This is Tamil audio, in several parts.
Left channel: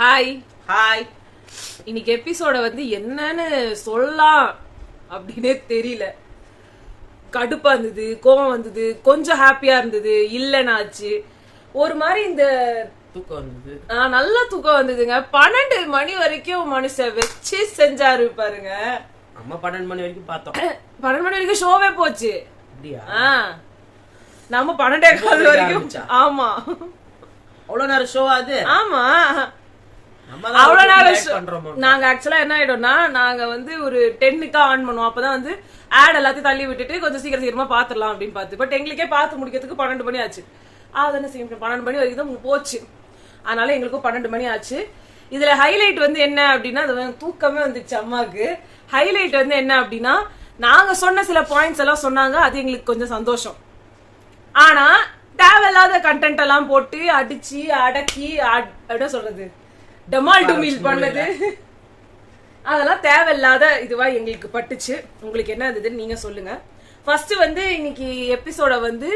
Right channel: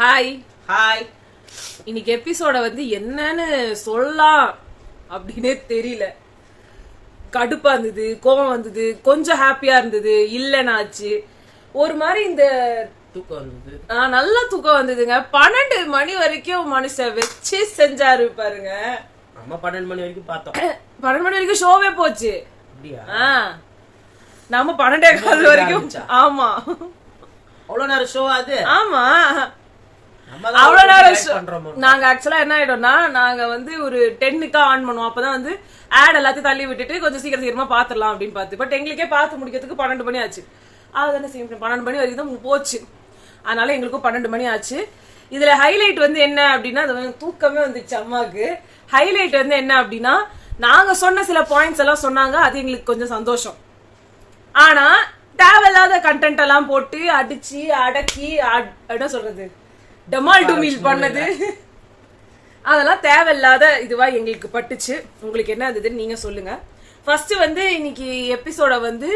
Hi hi. இன்னைக்கு எபிசோட வந்து என்னன்னு சொல்லலாம் அப்படின்னே தெரியல. கடுப்பா இருந்தது, கோவம் வந்தது, கொஞ்சம் ஹாப்பியா இருந்தது, இல்லனாச்சு ஒரு மாதிரி இந்த தூக்கம் இருந்தது. நல்ல தூக்கம் வந்ததுங்க. 12 மணி வரைக்கும் மனுஷன் வச்சு செஞ்சாரு பாருங்க. நம்ம 12 மணி வரைக்கும் பார்த்தோம். 12 மணி வரைக்கும் ஷோவே போச்சு. அப்படியா? நம்ம 12:15 வரைக்கும். ஆமா, அவ்வளவு நேரம் ஷோ அது. ஆமா, அவ்வளவு நேரம். நாங்க ஆக்சுவலா என்ன ஆயிடும்னா, நாங்க வந்து ஒரு 10க்கு ஆன் பண்ணுவோம். அப்பதான் வந்து ஆட் எல்லாத்தையும் தள்ளி விட்டுட்டு கொஞ்சம் சீக்கிரமா பாத்துடலாம் அப்படின்னு பார்த்து. பட் எங்களுக்கே பார்த்து முடிக்கிறதுக்கு 12 மணி ஆச்சு. அதுதானே செய்ய 12 மணி வரைக்கும் தான் போச்சு. அதனால எங்களுக்கும் 12 மணி ஆச்சு. இதுல ஹைலைட் வந்து என்ன அப்படின்னா, தூக்கமே வந்துச்சு அம்மாவுக்கு. ஹைலைட் வந்து என்ன அப்படின்னா, நாங்க சொன்ன சில பாயிண்ட்ஸ் எல்லாம் சொன்னாங்க. அது எங்களுக்கு கொஞ்சம் சந்தோஷம். ஆனா தேவையில்லாத கண்டென்ட் எல்லாம் போட்டு அடிச்சு அடக்கி என்ன சொல்றது, டமால் டுமில் பண்ணது, அதெல்லாம் தேவையில்லாத இதுவா எங்களுக்கு பட்டுச்சு. உங்களுக்கு என்ன இருந்ததுன்னு நீங்க சொல்லுங்க. ஃபர்ஸ்ட் வந்து இன்னைக்கு எபிசோட வந்து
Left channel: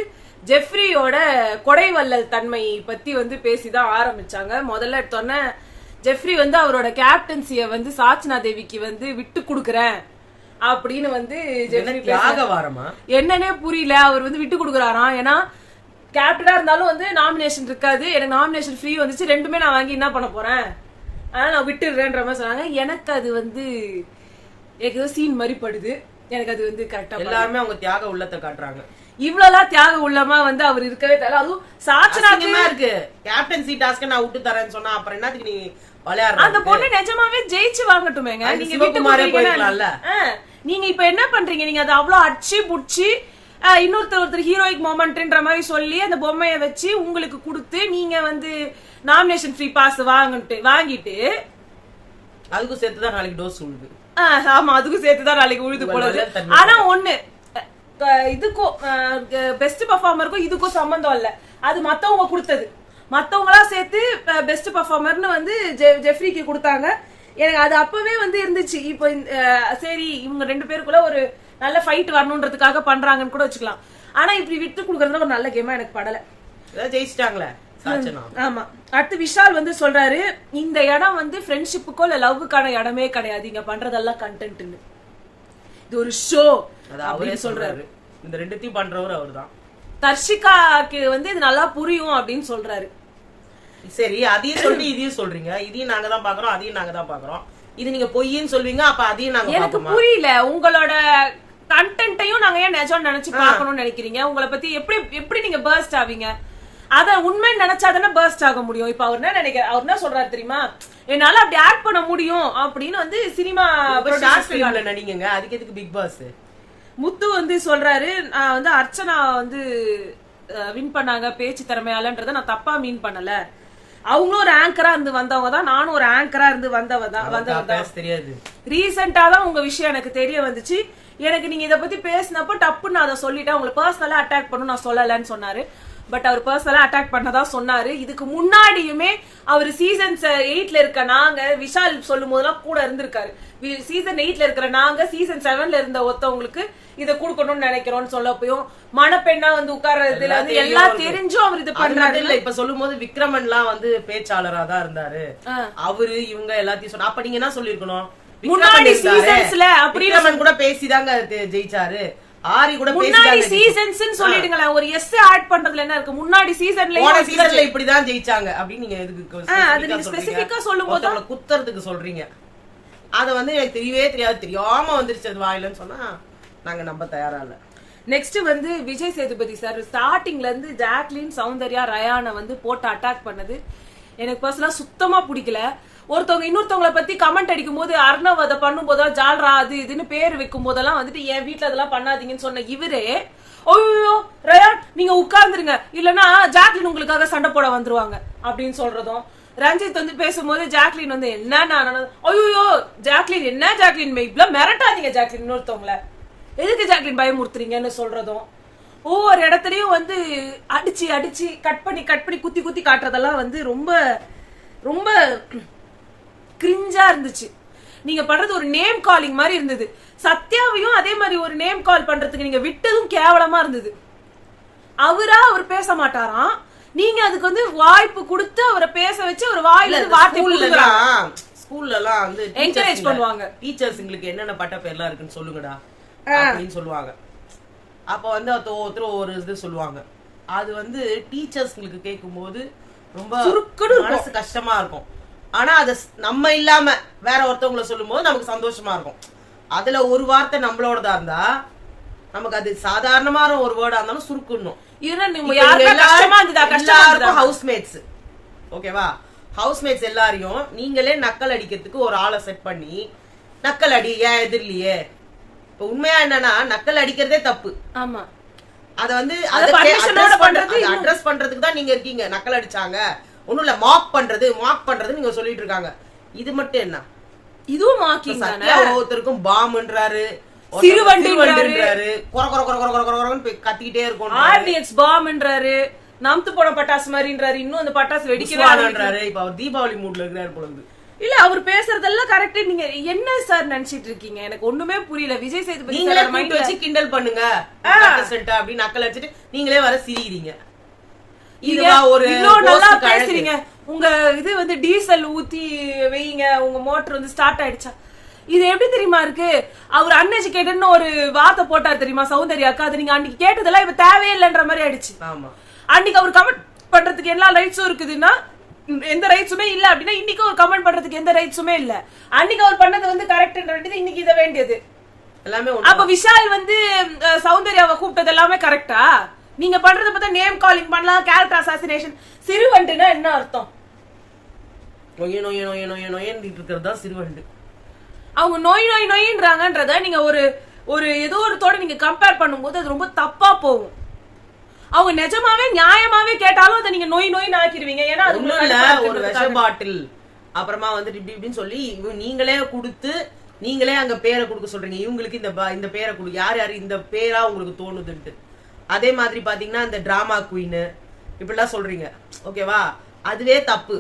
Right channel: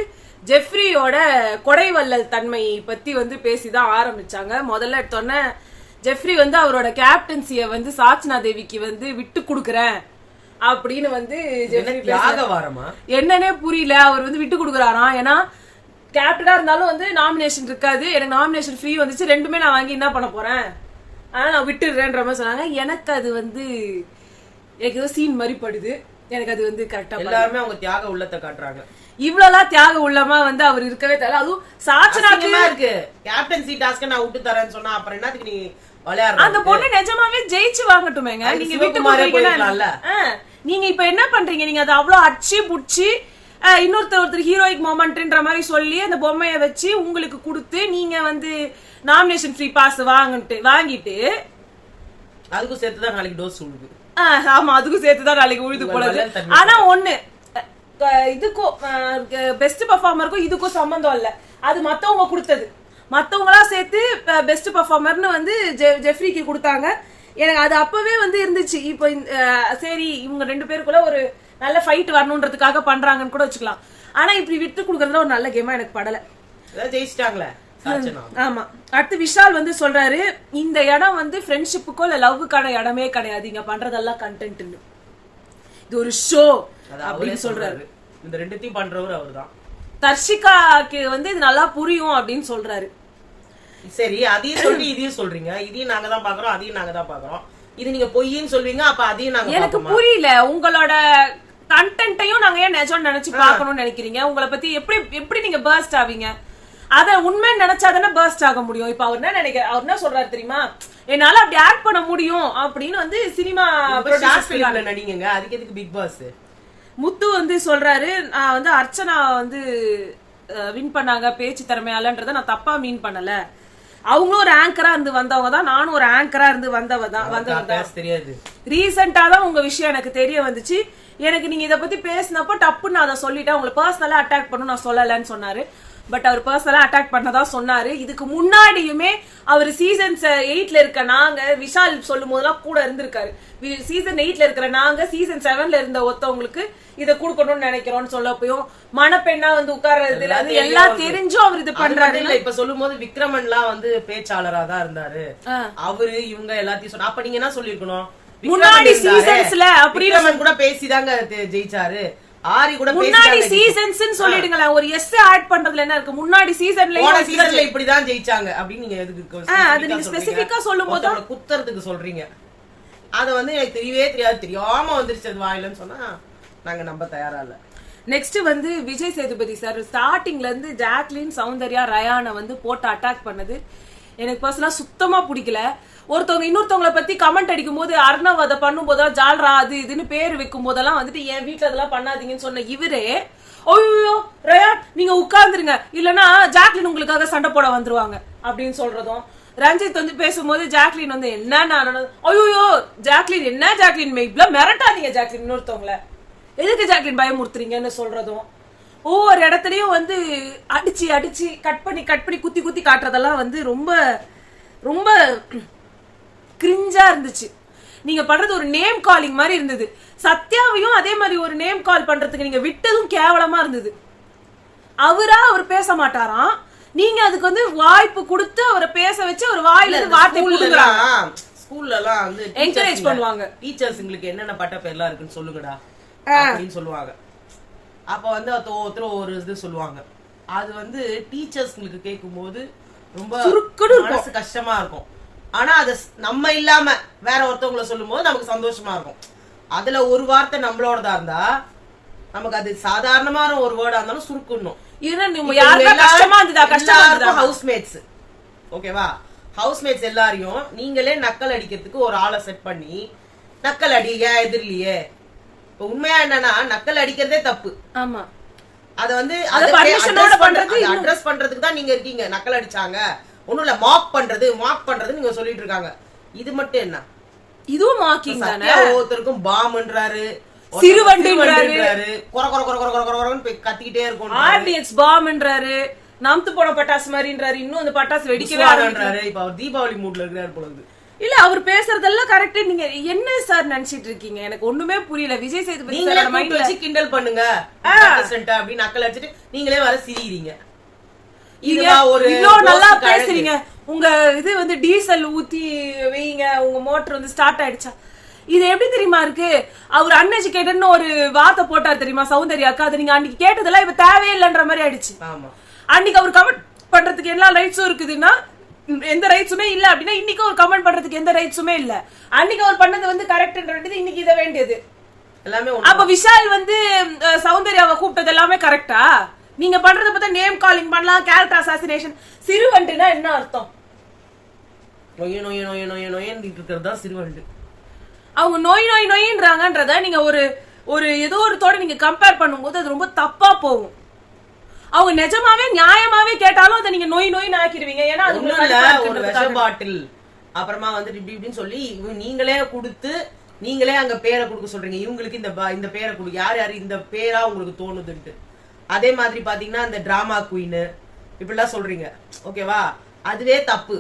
ஜெஃப்ரியோட கொடைவள்ளல் தன்மை பத்தி வந்து பேசிதான் ஆரம்பிச்சாங்க. முதல்ல எடுத்தோன்னே ஜெஃப்ரி வந்து அவரோட கேப்டன்சிய வந்து சாச்சனா தேவிக்கு வந்து விட்டு கொடுக்கறேன் அப்படின்னு வந்து ஜெஃப்ரி என்னன்னே புரியல. அவர் வந்து விட்டு கொடுக்கறாராம். ஏன்னா கேப்டனா இருந்தாலும் வந்து நாமினேஷன் இருக்காது, எனக்கு நாமினேஷன் ஃப்ரீ வந்துச்சு, ரெண்டுமே நான் வாங்கி என்ன பண்ண போறேன், அதனால நான் விட்டுடுறேன்ற மாதிரி சொன்னாங்க. எனக்கு அது வந்து எனக்கு சீன் மாதிரி படுது. எனக்கு அது வந்து கரெக்டா எல்லாருமே அவங்க தியாக உள்ளத்தை காட்டுறாங்க. இவ்வளவு தியாக உள்ளமா வந்து அவர் இருக்கவே தேவை. அதுவும் சாச்சனாக்கு இருக்கு கேப்டன்சி டாஸ்க் நான் விட்டு தரேன்னு சொன்னா அப்புறம் என்னத்துக்கு நீ அந்த பொண்ணு நிஜமாவே ஜெயிச்சு வாங்கட்டுமேங்க. நீங்க விட்டு போறீங்கல்ல, நீங்க இப்ப என்ன பண்றீங்க, நீங்க அதை அவ்வளவு அடிச்சு புடிச்சு ஒருத்தர் ஹீரோயிக் மொமெண்ட்ன்ற மாதிரி சொல்லி அந்த பொம்மைய வச்சு உங்களுக்கு கொடுத்து நீங்க வந்து நாமினேஷன் ஃப்ரீ பாஸ் வாங்கிட்டு அதுக்கும் சேர்த்துதான் நாளைக்கு டோஸ் உழுது. ஆமா, அதுக்கும் சேர்த்துதான் நாளைக்கு உழுது போனது. ஆனா ஒண்ணு, இதுக்கும் பெஸ்ட் பெர்ஃபார்மருக்கும் இதுக்கும் சம்பந்தம் இல்ல. அது மத்தவங்க கொடுத்தது. மத்தவங்களா சேர்த்து பெஸ்ட் பெர்ஃபார்மர்னு வந்து ஜெஃப்ரிக்கு கொடுத்தாங்க. எனக்கு அது அப்பவே வந்து இருந்துச்சு. இப்போ சரி இவங்க 2 பேருக்குள்ள ஒரு நல்ல ஃபைட் வரணும்ன்றதுக்காக பண்றாங்கன்னு கூட வச்சுக்கலாம். ஆனா இப்படி விட்டு கொடுக்கறதுல ஒரு நல்ல கேமா எனக்கு படல. ஜெயிச்சிட்டாங்களே. ஆமா. அடுத்து விஷால் வந்து சொல்றாரு, இந்த இடம் வந்து ஃப்ரெண்ட்ஷிப்புக்கோ இல்ல லவ்வுக்கான இடமே கிடையாது, இங்க பண்றதெல்லாம் கண்டென்ட், இது ஒரு ஷோ அப்படின்னு சொல்றாரு. இந்த ரெண்டுத்தையும் பண்றவர் அவர்தான். தர்ஷிகாக்கு வந்து இது நல்லா புரியும் அப்படின்னு சொல்றாரு. சரி, அதையும் சொல்லி இதையும் சொல்றீங்க. இதையும் நாங்க தான் பாக்குறோம், அதையும் நாங்க தான் பாக்குறோம். இது நீங்க பொய்ன்னு சொல்வீங்க, அப்ப அதையும் நாங்க. எனக்கு புரியல, உங்களோட கண்டென்ட்டையும் நாங்க ஏன் நிஜம் நினைச்சு பாக்கணும்னு நினைக்கிறீங்க? உங்களை பத்தி எப்படி நீங்க பர்ஸ்ட் ஆவீங்க? அத உண்மை நினைச்சாதானே பர்ஸ்ட் ஆக முடியும். இப்ப அவர் என்ன அவர் என்ன சொல்றாரு தெரியுமா, என்னால அப்படி ஆக்ட் பண்ண முடியும் அப்படின்னு வந்து சினிமா நடிங்க. அதுக்கு எதுக்கு பிக் பாஸ்? முத்து வந்து சொல்றாரு, நான் வந்து அர்ச்சனா வந்து வின் பண்ணாங்க பேச்சு திறமையாலன்றத நான் தப்பா மீன் பண்ணல. அவங்க ஒரு ஆங்கரா இருந்து வந்தவங்க தான், நானும் ஒரு ஆங்கரா இருந்து வந்தவதான். தெரியாது, ரீசெண்டா தான் உங்க விஷயம் எனக்கு தெரிய வந்துச்சு. எனக்கு நீங்க இத பத்தி பேசினப்போ டப்புன்னு நான் அதை சொல்லிட்டேன். உங்களை பர்சனலா அட்டாக் பண்ணணும் நான் சொல்லலன்னு சொன்னாரு. பட் அவர் பர்சனலா அட்டாக் பண்ணதான் சொன்னாரு. இதுக்கு முன்னாடியுமே அவர் சீசன் 8ல இருக்க நாங்க, விஷால் சொல்லும் போதெல்லாம் கூட இருந்திருக்காரு. சீசன் 8ல இருக்கிற நாங்க சீசன் 7ல இருந்த ஒருத்தவங்களுக்கு இதை கொடுக்கணும்னு நினைக்கிறோம்னு சொல்லப்போயும் மணப்பெண்ணா வந்து உட்கார்றதுல வந்து எல்லாம் தெரிஞ்சும் அவர் இது பண்றாரு. இப்ப சொல்லும் போது விக்ரமன் எல்லாம் வந்து பேச்சாளரா தான் இருந்தாரு. அவரு இவங்க எல்லாத்தையும் சொன்ன. அப்ப நீங்க என்ன சொல்லிருக்கணும், முன்னாடி சீசன்ஸ்ல அப்படின்னு கூட பேசிதாங்க ஜெயிச்சாரு. ஆரி கூட முன்னாடி சீசன்ஸ் சொல்லிடுங்களேன். ஒரு எஸ் ஆட் பண்றதுல என்ன இருக்கு, முன்னாடி சீசன்ல இப்படிதான் ஜெயிச்சாங்க அப்படின்னு நீங்க எதுக்கு அது நீங்க ஸ்பெசிபிக்கா சொல்லும்போது குத்துறதுக்கு சொல்றீங்க? அத வந்து எனக்கு தெரியவே தெரியாது, தெரியாம வந்துருச்சு அது வாயிலன்னு சொன்னா நாங்க நம்ப தயாரா இல்ல. நெக்ஸ்ட் வந்து விஜய் சேதுபதி சார் ஸ்டார்டிங்ல இருந்து ஜாக்லின், சௌந்தர்யா, ரயானை வந்து போட்டு அட்டாக் பண்ணது எனக்கு பர்சனலா சுத்தமா பிடிக்கல. ஒருத்தவங்க இன்னொருத்தவங்களை பத்தி கமெண்ட் அடிக்கும் போது, அர்ணவ் அதை பண்ணும் போதெல்லாம் ஜால்ரா அது இதுன்னு பேர் வைக்கும் போதெல்லாம் வந்துட்டு என் வீட்டுல அதெல்லாம் பண்ணாதீங்கன்னு சொன்ன இவரே, ஓய்யோ ரயான் நீங்க உட்கார்ந்துருங்க இல்லன்னா ஜாக்லின் உங்களுக்காக சண்டை போட வந்துருவாங்க அப்படின்னு சொல்றதும், ரஞ்சித் வந்து பேசும்போது ஜாக்லின் வந்து என்ன ஐயோ ஜாக்லின் என்ன ஜாக்லின் இவ்வளவு மிரட்டாதீங்க ஜாக்லின் இன்னொருத்தவங்கள எதுக்கு ஜாக்லின் பயமுறுத்துறீங்கன்னு சொல்றதும், ஒவ்வொரு இடத்துலயும் வந்து அடிச்சு அடிச்சு கட் பண்ணி குத்தி குத்தி காட்டுறதெல்லாம் வந்து ரொம்ப ரொம்ப கிரிஞ்சா இருந்துச்சு. நீங்க பண்றது ஒரு நேம் காலிங் மாதிரி இருந்தது. சத்யாவையும் அதே மாதிரி ஒரு நேம் கால் பண்றதுக்கு நீங்க விட்டதும் கேவலமா இருந்தது. அவர் பேச மாட்டாராம். நீங்க அதுக்கு வந்து வாய்ப்பு கொடுத்து அவரை பேச வச்சு அவர் வாயில இருந்து வார்த்தை கொடுக்குறாங்க. ஸ்கூல்ல எல்லாம் வந்து என்கரேஜ் பண்ணுவாங்க. டீச்சர்ஸ்ங்களுக்கு என்னென்ன பட்ட பேர்லாம் இருக்குன்னு சொல்லுங்கடா அப்படின்னு சொல்லுவாங்க. அப்ப வந்து ஒருத்தர் ஒரு இது சொல்லுவாங்க. அது வந்து டீச்சர்ஸ்ங்களுக்கு கேட்கும் போது ரொம்ப மனசு கஷ்டமா இருக்கும். ஆனா அது நம்ம இல்லாம வேற ஒருத்தவங்களை சொல்லும் போது நமக்கு சந்தோஷமா இருக்கும். அதுல ஒரு வார்த்தை நம்மளோடதா இருந்தா நமக்கு அது சாதாரணமான ஒரு வேர்டா இருந்தாலும் சுருக்கணும். ஹவுஸ்மேட்ஸ் ஓகேவா, ஹவுஸ்மேட்ஸ் எல்லாரையும் நீங்களே நக்கல் அடிக்கிறதுக்கு ஒரு ஆளை செட் பண்ணி நக்கல் அடி ஏன் எதிரிலேயே. இப்ப உண்மையா என்னன்னா நக்கல் அடிக்கிறதே தப்பு. ஆமா, அத வந்து அட்ரஸ் பண்றதுக்கு தான் நீங்க இருக்கீங்க. நக்கல் அடிச்சாங்க ஒண்ணும் இல்ல, மாக் பண்றது நீங்க சொல்லிட்டு இருக்காங்க. இது மட்டும் என்ன, இதுவும் மாக்கிங் தானே. ஒருத்தருக்கும் பாம்ன்றாரு, சிறுவண்டுன்றாரு, கத்திக்கிட்டே இருக்கும், ஆர்டிஎக்ஸ் பாம்ன்றாரு, நம்து போன பட்டாசு மாதிரின்றாரு, இன்னும் அந்த பட்டாசு வெடிக்கிறாரு. இப்ப அவர் தீபாவளி மூட்ல இருக்கிறாரு பொழுது. இல்ல அவர் பேசுறதெல்லாம் கரெக்ட். நீங்க என்ன சார் நினைச்சிட்டு இருக்கீங்க? எனக்கு ஒண்ணுமே புரியல. விஜய் சேதுபதி சாரோட மைண்ட்ல வச்சு கிண்டல் பண்ணுங்க அப்படி நக்கல் அடிச்சிட்டு நீங்களே வர சிரிக்கிறீங்க. இதுவா ஒரு நல்லா பேசுறீங்க. உங்க இது வந்து டீசல் ஊத்தி வைங்க, உங்க மோட்டர் வந்து ஸ்டார்ட் ஆயிடுச்சா? இது எப்படி தெரியுமா இருக்கு? அவர் அன்எஜுகேட்டட்னு ஒரு வார்த்தை போட்டார் தெரியுமா சௌந்தர்யாக்கா? அது நீங்க அன்னைக்கு கேட்டதெல்லாம் இப்ப தேவையில்லைன்ற மாதிரி ஆயிடுச்சு. அன்னைக்கு அவர் கமெண்ட் பண்றதுக்கு எல்லா ரைட்ஸும் இருக்குதுன்னா எந்த ரைட்ஸுமே இல்ல அப்படின்னா இன்னைக்கு ஒரு கமெண்ட் பண்றதுக்கு எந்த ரைட்ஸுமே இல்ல. அன்னைக்கு அவர் பண்ணது வந்து கரெக்ட்ன்றது இன்னைக்கு இத வேண்டியது எல்லாமே. அப்ப விஷால் வந்து சௌந்தர்யாவை கூப்பிட்டது எல்லாமே கரெக்டா? நீங்க பண்றத பார்த்தா நேம் காலிங் பண்ணலாம், கேரக்டர் அசாசினேஷன். சிறுவண்டுனா என்ன அர்த்தம்? இருக்கிறது சிறுவண்டு. அவங்க நோயின்றாங்கன்றத நீங்க ஒரு ஏதோ ஒரு தோட நீங்க கம்பேர் பண்ணும்போது அது ரொம்ப தப்பா போகும். அவங்க நிஜமாவே நியாயமாவே கேட்டாலும் அதை நீங்க நோயின்னு ஆக்கிடுவீங்க. ஏன்னா அது ஒரு விஷ பாட்டில் அப்புறமா வந்து இப்படின்னு சொல்லி நீங்களே கொடுத்து நீங்களே அங்க பேரை கொடுக்க சொல்றீங்க. இவங்களுக்கு இந்த பேரை கொடு, யாரு இந்த பேரா உங்களுக்கு தோணுதுன்ட்டு. அதே மாதிரி பாத்தீங்கன்னா இந்த டிராமா குயின் இப்படிலாம் சொல்றீங்க ஓகேவா, அதுவே தப்பு.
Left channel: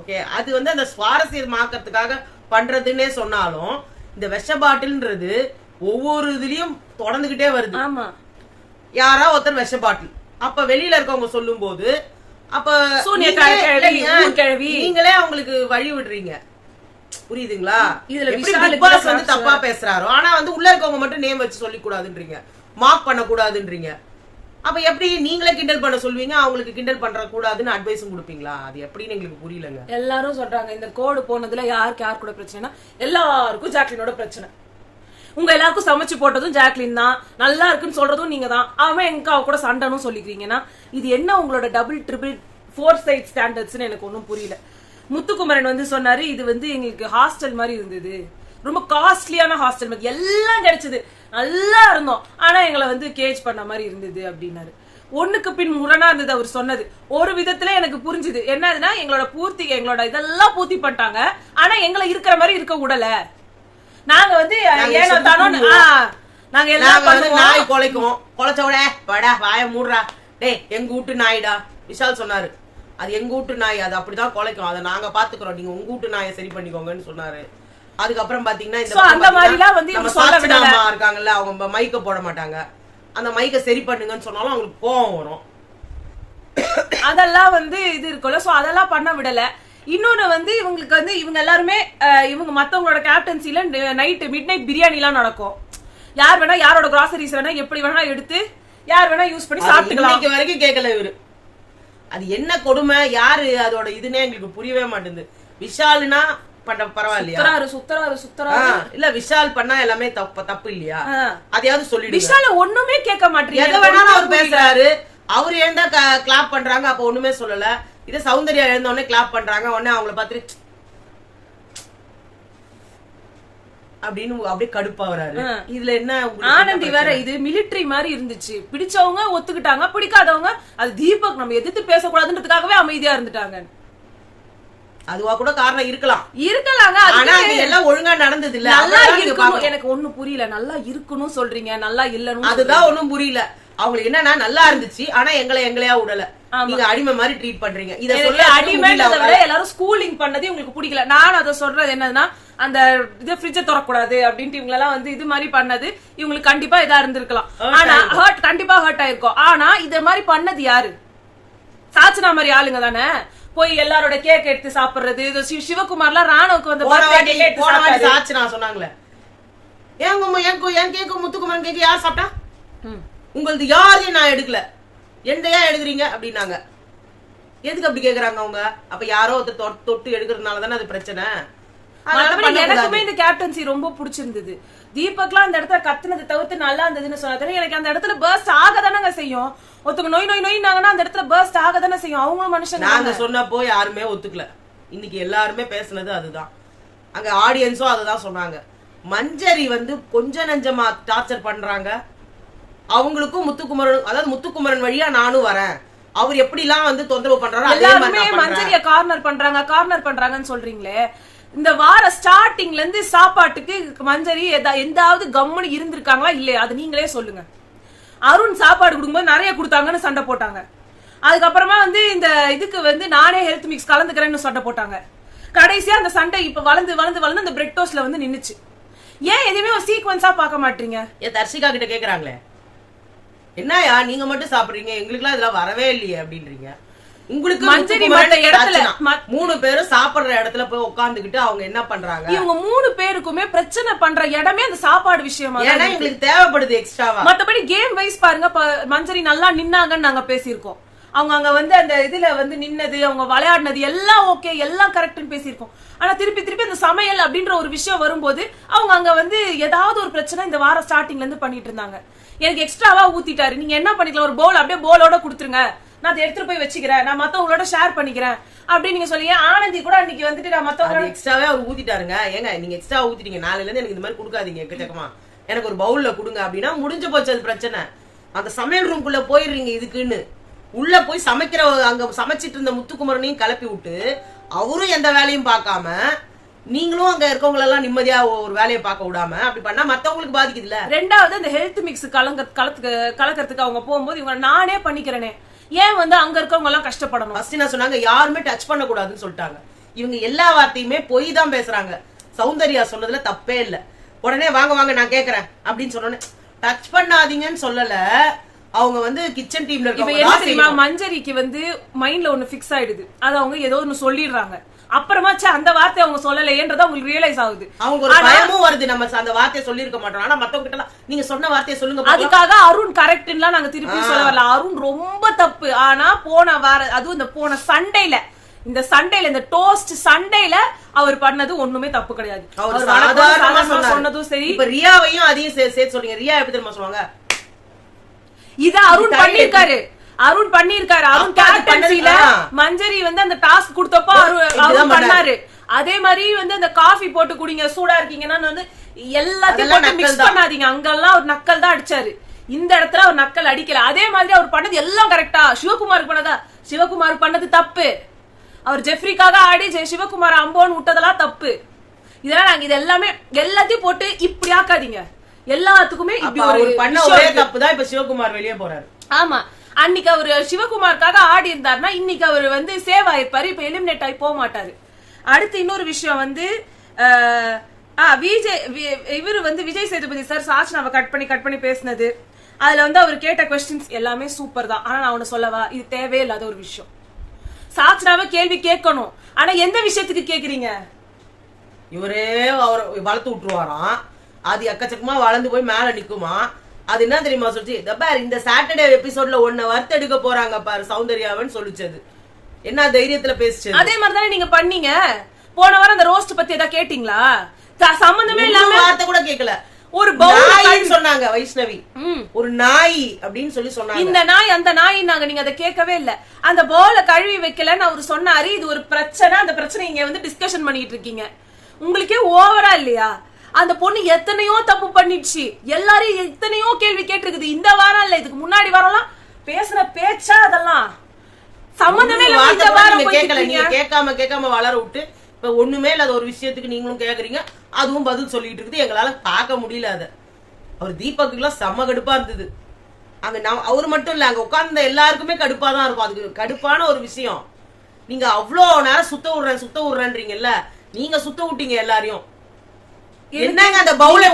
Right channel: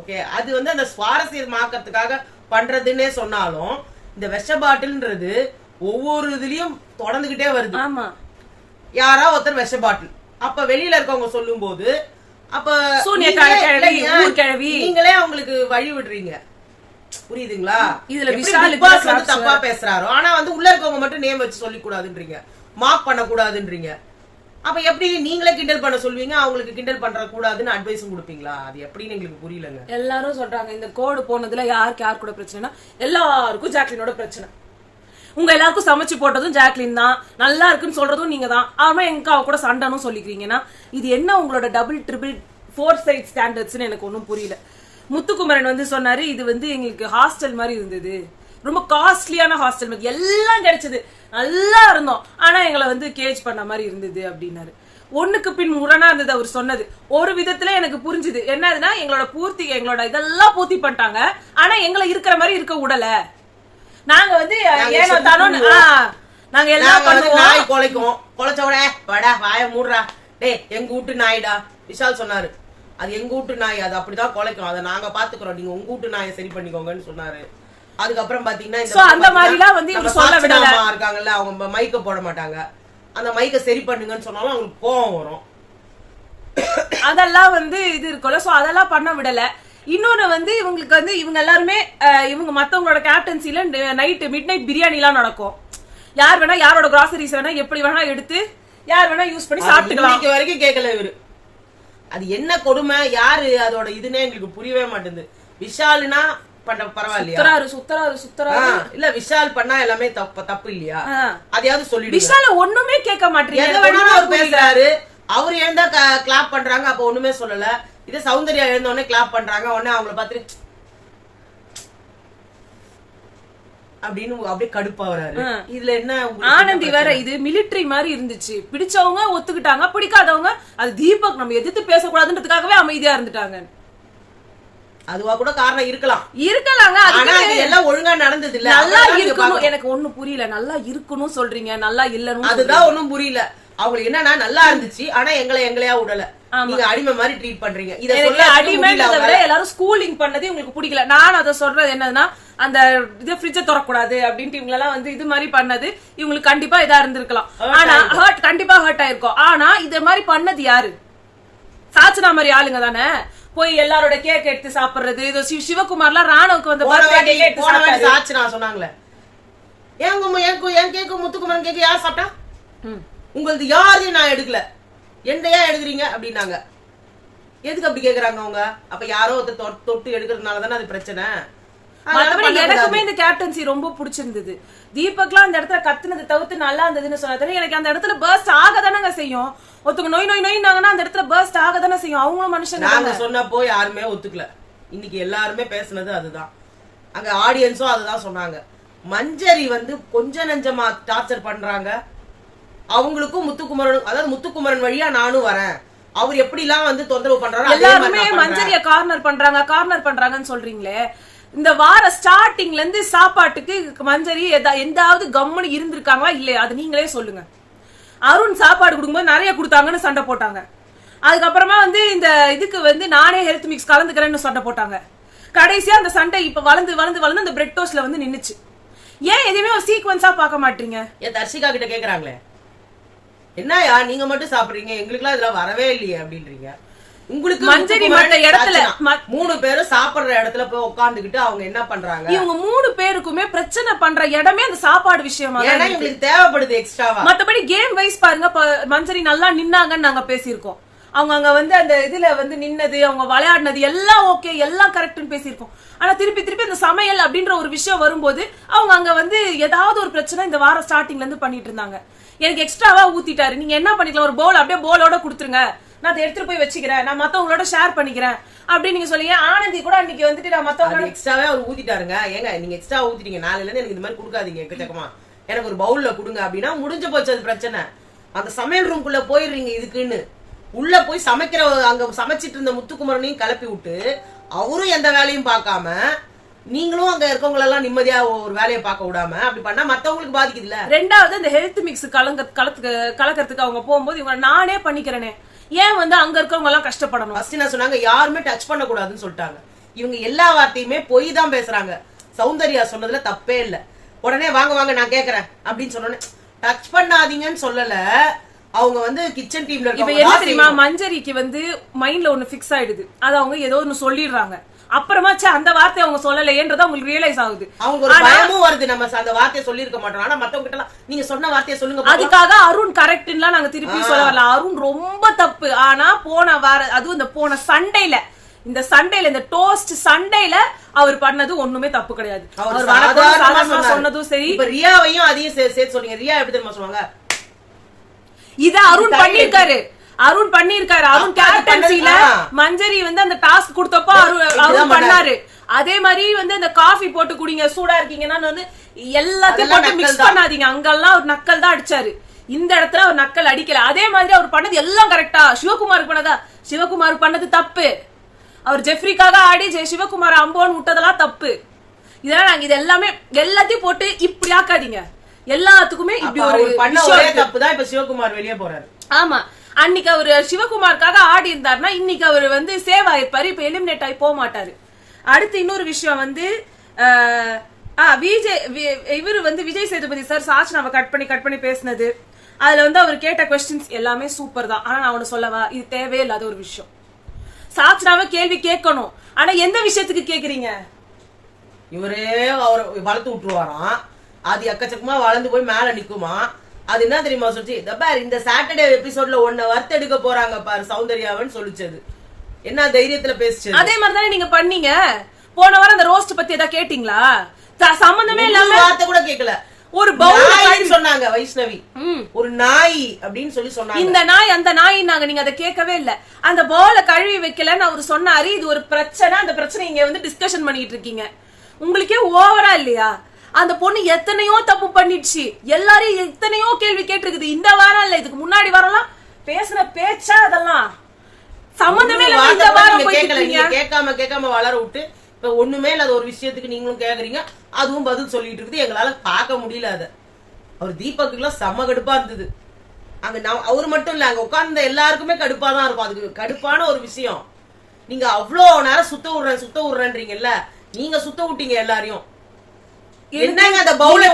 ஓகே, அது வந்து அந்த சுவாரஸ்யமாக்கிறதுக்காக பண்றதுன்னே சொன்னாலும் இந்த விஷ பாட்டில்ன்றது ஒவ்வொரு இதுலயும் தொடர்ந்துகிட்டே வருது. ஆமா, யாரா ஒருத்தர் விஷ பாட்டில், அப்ப வெளியில இருக்கவங்க சொல்லும் போது அப்ப நீங்களே அவங்களுக்கு வழி விடுறீங்க. புரியுதுங்களா? இதுல தப்பா பேசுறாரோ ஆனா வந்து உள்ள இருக்கவங்க மட்டும் நேம் வச்சு சொல்லிக் கூடாதுன்றீங்க, மார்க் பண்ண கூடாதுன்றீங்க. அப்ப எப்படி நீங்களே கிண்டல் பண்ண சொல்வீங்க, அவங்களுக்கு கிண்டல் பண்ற கூடாதுன்னு அட்வைஸும் கொடுப்பீங்களா? அது எப்படின்னு எங்களுக்கு புரியலங்க. எல்லாரும் சொல்றாங்க இந்த கோடு போனதுல யாருக்கு யார் கூட பிரச்சனைனா எல்லாருக்கும் ஜாக்லினோட பிரச்சனை. உங்க எல்லாருக்கும் சமைச்சு போட்டதும் ஜாக்லின் தான், நல்லா இருக்குன்னு சொல்றதும் நீங்க தான். அவன் எங்க அவ கூட சண்டைன்னு சொல்லிக்கிறீங்கன்னா இது என்ன உங்களோட டபுள் ட்ரிபிள் 4 சைட் ஸ்டாண்டர்ட்ஸ்னு எனக்கு ஒன்னும் புரியல. முத்துக்குமரன் வந்து சொன்னாரு இது வந்து எங்களுக்கு ஹாஸ்டல் மாதிரி இருந்தது, ரொம்ப காஸ்ட்லியான ஹாஸ்டல் மாதிரி, எல்லாம் கிடைச்சது, நல்லா இருந்தோம், ஆனா எங்களை வந்து கேஜ் பண்ண மாதிரி இருந்தது அப்படின்னாரு. ஒண்ணுக்கு பின் முரணா இருந்தது அவர் சொன்னது. ஒரு விதத்துல எனக்கு புரிஞ்சுது என்னதுன்னா எங்களோட இதெல்லாம் பூர்த்தி பண்ணிட்டாங்க, ஆனா எங்களை இருக்கிற மாதிரி இருக்க விடல. நாங்க வந்து ஏனோ தானோ நாங்க எல்லாம் பண்ணுவோம். நாய் கொலைக்கும், கொலைச்சோட படா வாய மூடுறா டேய் எங்க வீட்டு நாய்டா விஷால் சொன்னாரு. அது எங்க வீட்டு நாய், அது அப்படிதான் கொலைக்கும், அதை நாங்க பாத்துக்கிறோம், நீங்க உங்க வீட்டு நாயை சரி பண்ணிக்கோங்கன்னு சொன்னாரு. அதுக்கப்புறம் பாத்தீங்கன்னா அந்த மாதிரிலாம் வந்து இருக்காங்கல்ல, அவங்க மைக்க போட மாட்டாங்க, அந்த மைக்க சரி பண்ணுங்கன்னு சொன்னாலும் அவங்களுக்கு கோவம் வரும். அதெல்லாம் வந்து இது இருக்குல்ல, சோ அதெல்லாம் பண்ண விடல. இன்னொன்னு வந்து இவங்களுக்கு வந்து இவங்க எல்லாருமே இவங்க மத்தவங்களோட கேப்டன்சில நைட் மிட் நைட் பிரியாணி எல்லாம் நடக்கும். யார் வேணா யாரோட கிராசரிஸ் வேணா எப்படி வேணா எடுத்து யார் வேணா யூஸ் பண்ணி சாப்பிட்டுக்கலாம். இன்னைக்கு வரைக்கும் கேட்கல இவரு. அது என்ன கொடுமை, யாரு அதோட இதுன்னே எங்களுக்கு புரியவே மாட்டேங்குது. விஷால்னா பரவாயில்லையா, சுத்தராரு இல்ல விஷால் பண்ணா எல்லாமே தப்பு இல்லையா, அதையாவது சொல்லி. விஷால ஒண்ணுமே கேட்க மாட்டீங்க, பேசுறாரு. அவரு எழுந்தா கிளாப் பண்றாங்க, அப்ப ஒண்ணுமே சொல்லல. இது சௌந்தர்யா எழுந்த உடனே கிளாப் பண்றாங்க, உடனே அவங்கள பார்த்துட்டு அப்படின்னு அப்படியே கடுப்பா வராரு. இதுல என்ன ஆனந்தி வேற இது மிலிட்டரி மாதிரி இருந்துச்சு. பிடிச்சவங்க ஒத்துக்கிட்டாங்க, பிடிக்காதவங்க அது தீபக் நம்ம எதிர்த்து பேசக்கூடாதுன்றதுக்காகவே அமைதியா இருந்துட்டாங்க. அதுவா கூட காரணம் இருக்கலாங்க. எல்லாம் ஒழுங்கா நடந்தது இல்ல. நல்லா இருக்கணும், எனக்கு ஒண்ணு புரியல. நல்லா இருக்கணும் சொல்றீங்க, நல்லா இல்லன்னு அதுதான் ஒண்ணும் புரியல. அவங்களுக்கு என்னன்னா நல்லா இருந்துச்சு, ஆனா எங்களையா விடல, நீங்க அடிமை மாதிரி ட்ரீட் பண்றீங்க. இத சொல்ல அடிமைன்றத விட எல்லாரும் ஸ்கூலிங் பண்ணது உங்களுக்கு பிடிக்கல. நான் அதை சொல்றது என்னன்னா அந்த இது ஃப்ரிட்ஜ திறக்கக்கூடாது அப்படின்ட்டு இவங்க எல்லாம் வந்து இது மாதிரி பண்ணது இவங்களுக்கு கண்டிப்பா இதா இருந்திருக்கலாம். ஆனா கண்டிப்பா ஹர்ட் ஆயிருக்கும். ஆனா இத மாதிரி பண்ணது யாரு? சாச்சனா மாதிரி ஆளுங்க தானே போய் எல்லாரோட கேக் எடுத்து சாப்பிடுறது. இது சிவகுமார்லாம் ராணுவுக்கு வந்து பர்த்டே கேக் எடுத்து சாப்பிட்டாரு. சாச்சனா சொன்னாங்களே, என் கேக்கு முத்துக்குமரன் கேக்கு யார் சாப்பிட்டா? உங்களுக்கு யாரையும் நான் எடுக்கல, எந்தையா எடுக்கிறீங்க அப்படின்னாங்க. எதுக்கு அப்படி கேக்குறாங்க அவங்க? அப்ப யாரோ ஒருத்தர் தொட்டு எடுக்கிறதுனாலதானே அது பிரச்சனை. எனக்குமே இந்த கேப்டன்சி ரொம்ப பிடிச்சிருந்தது. தீபக்லாம் அந்த இடத்துல கத்துனது தவிர்த்து நல்லா இருந்ததுன்னு சொன்னா எனக்கு அந்த இடத்துல பர்ஸ்ட் ஆகதானங்க செய்யும். ஒருத்தங்க நோய் நோய் நோய்னாங்கன்னா அந்த இடத்துல பர்ஸ்ட் ஆகதானே செய்யும். அவங்களும் மனுஷங்க. நாங்க சொன்னப்போ யாருமே ஒத்துக்கல. இன்னைக்கு எல்லாருமே பேசுனது அதுதான். அங்க ஆடியன்ஸும் அதுதான் சொன்னாங்க. மஞ்சரி வந்து கொஞ்ச நெஞ்சமா டார்ச்சர் பண்றாங்க. அவங்களுக்கும் முத்துக்குமரன், அதாவது முத்துக்குமரன் வழியா நானும் வரேன், அவர் எப்படி எல்லாம் வந்து தொந்தரவு பண்றாரு. எல்லாருமே மஞ்சரிய கார்னர் பண்றாங்கன்னு சொல்றீங்களே. இந்த வார ஸ்டார்டிங்ல இருந்து சாப்பாட்டுக்கு மஞ்சரி எந்தாவது கம்முனு இருந்திருக்காங்களா இல்லையா? அது நீங்களே சொல்லுங்க. அருண் சாப்பாடு கொடுக்கும்போது நிறைய கொடுத்தாங்கன்னு சண்டை போட்டாங்க. அதுக்கப்புறமா வந்து இந்த இதுக்கு வந்து நானே ஹெல்த் மிக்ஸ் கலந்துக்கிறேன்னு சண்டை போட்டாங்க. கடைசியா அந்த சண்டை இப்ப வளர்ந்து அந்த பிரெட் டோஸ்ட்ல வந்து நின்னுச்சு. ஏன் எதுவுமே ஒரு சீக்வன்ஸா பார்க்க மாட்டீங்க? ஏன் தர்ஷிகா கிட்ட கேக்குறாங்களே, என்னயா நீங்க மட்டும் சாப்பிடுறீங்க, எங்களுக்கு எல்லாம் இதெல்லாம் வரவே இல்லையே அப்படின்றீங்க. உங்களுக்கு மஞ்சரி மத்த இடத்துல 3 பேரும் சாப்பிடுற இடத்துல போய் உட்கார்ந்துகிட்டு அவங்க என்ன பண்றாங்க? இவங்க 3 பேருக்குமே பிரச்சனை பண்ற இடமே அந்த சாப்பாடு விஷயமா தான் எங்களுக்கு தேவைப்படுது எக்ஸ்ட்ராவா. மத்தபடி கேம் வைஸ் பாருங்க, மஞ்சரி நல்லா நின்னாங்கன்னு நாங்க பேசியிருக்கோம். அவங்க அங்க வந்து அந்த இதுல வந்து நின்னது, அவங்க விளையாடினது எல்லாம் ஓகே, எல்லாம் கரெக்ட்னு பேசியிருக்கோம். ஆனா திருப்பி அந்த சமையல் அப்படின்ற ஒரு விஷயம் வரும்போது அவங்க அங்க வந்து ஏதாவது ஒரு பிரச்சனை இந்த வார ஸ்டார்டிங்ல இருந்து பண்ணிட்டு இருந்தாங்க. எனக்கு எக்ஸ்ட்ராவா ஊத்திட்டாரு. நீங்க என்ன பண்ணிக்கலாம், ஒரு போல் அப்படியே போலோட கொடுத்துருங்க, நான் அதை எடுத்துட்டு போய் வச்சுக்கிறேன், நான் மத்தவங்களோட ஷேர் பண்ணிக்கிறேன் அப்படின்னு நீங்க சொல்லி. ஆனந்தி கூட அன்னைக்கு வந்துட்டு நான் மத்தவங்க எக்ஸ்ட்ராவே அவர் ஊத்திட்டாருங்க. ஏங்க நீங்க எக்ஸ்ட்ரா ஊத்திட்டீங்க, நாளைல இருந்து எனக்கு இந்த மாதிரி கொடுக்காதீங்க, எக்கச்சக்கமா எனக்கு ஒரு பவுல்ல கொடுங்க அப்படின்னா முடிஞ்சு போச்சு அது பிரச்சனை. அந்த சமையல் ரூம்குள்ள போயிடுறீங்க இதுக்குன்னு. உள்ள போய் சமைக்கிற அங்க சமைச்சிட்டு இருந்த முத்துக்குமரனையும் கிளப்பி விட்டு அவரும் எந்த வேலையும் பார்க்காம நீங்களும் அங்க இருக்கவங்க எல்லாம் நிம்மதியா ஒரு வேலையை பார்க்க விடாம அப்படி பண்ணா மத்தவங்களுக்கு பாதிக்குது இல்ல. ரெண்டாவது இந்த ஹெல்த் மிக்ஸ் கலக்கிறதுக்கு அவங்க போகும்போது இவங்க நானே பண்ணிக்கிறேனே, ஏன் வந்து அங்க இருக்கவங்க எல்லாம் கஷ்டப்படணும்? ஃபர்ஸ்ட் என்ன சொன்னாங்க, யாருமே டச் பண்ண கூடாதுன்னு சொல்லிட்டாங்க. இவங்க எல்லா வார்த்தையுமே பொய் தான் பேசுறாங்க. சௌந்தர்யா சொன்னதுல தப்பே இல்ல. உடனே வாங்க நான் கேக்குறேன் அப்படின்னு சொன்னோன்னே டச் பண்ணாதீங்கன்னு சொல்லல. அவங்க வந்து கிச்சன் டீம்ல இப்ப என்ன தெரியுமா, மஞ்சரிக்கு வந்து மைண்ட்ல ஒண்ணு பிக்ஸ் ஆயிடுது. அது அவங்க ஏதோ ஒண்ணு சொல்லிடுறாங்க. அப்புறமா அந்த வார்த்தை அவங்க சொல்லலையேன்றது அவங்களுக்கு ரியலைஸ் ஆகுது. அவங்க ஒரு பயமும் வருது, நம்ம அந்த வார்த்தையை சொல்லி இருக்க மாட்டோம். ஆனா மத்தவங்க கிட்ட நீங்க சொன்ன வார்த்தையை சொல்லுங்க. அதுக்காக அருண் கரெக்ட்லாம் நாங்க திருப்பி சொல்ல வரல. அருண் ரொம்ப தப்பு. ஆனா போன வார அதுவும் இந்த போன சண்டையில இந்த டோஸ்ட் சண்டையில அவர் பண்ணது ஒண்ணுமே தப்பு கிடையாது. அவர் சொன்னதும் சரி. இப்ப ரியாவையும் அதையும் சேர்த்து சொல்றீங்க. ரியா எப்படி தெரியுமா சொல்லுவாங்க, இத அருண் பண்ணிருக்காரு. அருண் கேப்டன்சில மஞ்சரி வந்து அந்த டாஸ்க் கொடுத்தப்போ அருண் பண்ணாரு. அதே மாதிரி வந்து அந்த காஃபி போட்டு குடிங்க, சூடா இருக்கீங்கன்னா வந்து எல்லாத்தையும் போட்டு மிக்ஸ் பண்ணாதீங்க. அங்கெல்லாம் ஒரு நக்கல் தான் அடிச்சாரு. இந்த இடத்துல அவர் நக்கல் அடிக்கல. அதே மாதிரி அவர் பண்ணது எல்லாம் கரெக்டா. சிவகுமாருக்கு பண்ணதா, சிவகுமார் பண்ணது தப்பு. அவர் ஜெஃப்ரிக்காக ஆடி சிவகுமார் அம்போன்னு விட்டதெல்லாம் தப்பு. இதெல்லாம் நாங்க இது எல்லாமே எல்லாத்தையும் போட்டு இப்படி ஆக்காதீங்க. எல்லாத்துக்குமே இப்படி ஒரு பண்ண ஒரே தப்பு தான் இப்ப சிவகுமார் வெளியே போறாரு. ஆமா, அன்னைக்கு அவரு சிவகுமாருக்காக ஆடி இருந்தாருன்னா இன்னைக்கு அவர் வந்து சேவ் ஆயிருப்பாரு. இப்ப எலிமினேட் ஆகி போக மாட்டாரு. அடுத்து இன்னொரு விஷயம் வந்து இவரு வந்து விஜய் சேதுபதி சார் சாச்சனாவை கட் பண்ணி பேசினது. அதுல வந்து அவர் கேட்ட கொஸ்டின்ஸ் எல்லாமே சூப்பர் தான். ஆனா நான் ஒண்ணு சொல்லவா, இது தேவையில்லாத ஒரு விஷயம். சாச்சனாவை கேள்வி கேட்கணும். ஆனா எந்த விஷயத்துக்கு கேக்குறீங்க? இவரே அவர் வளர்த்து விட்டுருவாராம். அது எக்கச்சக்கமா வளர்ந்து போய் மேல நிக்குமா. அது என்ன தெரியுமா சொல்லிச்சு, இந்த சாட்டர்டே எபிசோட்ல 1 வறுத்து எடுக்க போறாங்க பாரு சௌந்தர்யாவன்னு சொல்லிச்சது. என்ன தைரியத்துல பேசுச்சு. அதே மாதிரிதானே நீங்க பண்ணீங்க. போன வாரம் அந்த ரோஸ்ட் பத்தி ஏதாவது கேட்டீங்களா? சம்பந்தமே இல்லாம வார்த்தை கூட கேட்கல. ஒரு பவுல் சொன்னாங்க வைஷ்ணவி, ஒரு நாய் அப்படின்னு சொல்லி சொன்னாங்க. இந்த நாய் அந்த நாய் நாங்க, நீங்க அதை கேட்கவே இல்ல. அந்த பவுல கழுவி வைக்கலன்னு அவரு சொன்னாரு. இது ஒரு பிரச்சனை. அந்த பிரச்சனை இங்க வந்து டிஸ்கஷன் பண்ணிட்டு இருக்கீங்க. உங்களுக்கே ஓவரா இல்லையா? அந்த பொண்ணு எத்தனையோ தப்பு பண்ணிடுச்சு. எல்லாரையும் எத்தனையோ கேள்வி கேட்டிருக்குது. இந்த வாரம் இல்ல, இதுக்கு முன்னாடி வரலாம் பேசுற பேச்சா அதெல்லாம் சம்பந்தமே இல்ல. இந்த வாரம் கேட்காம வளர விட்டு இப்ப ஒண்ணுமே இல்லாத ஒரு விஷயத்துக்கு நீங்களும் கேக்குறீங்க, அதுவும் பதில் சொல்லிட்டு இருக்குது. எங்களால பார்க்க முடியல. அத அவர் தீபக்கு எல்லாம் செம்ம கடுப்பா இருந்தது. அங்க அவரு மட்டும் இல்ல, அங்க உட்கார்ந்த எல்லாருக்குமே கடுப்பா தான் இருக்கும். அதுக்கு கடுப்பான ஒரு விஷயம். நீங்க அவ்வளவு நேரம் சுத்த விடுறேன்றீங்கல்ல, நீங்க சுத்த விட்டீங்க எல்லாரையும். என்னங்க அந்த பவுல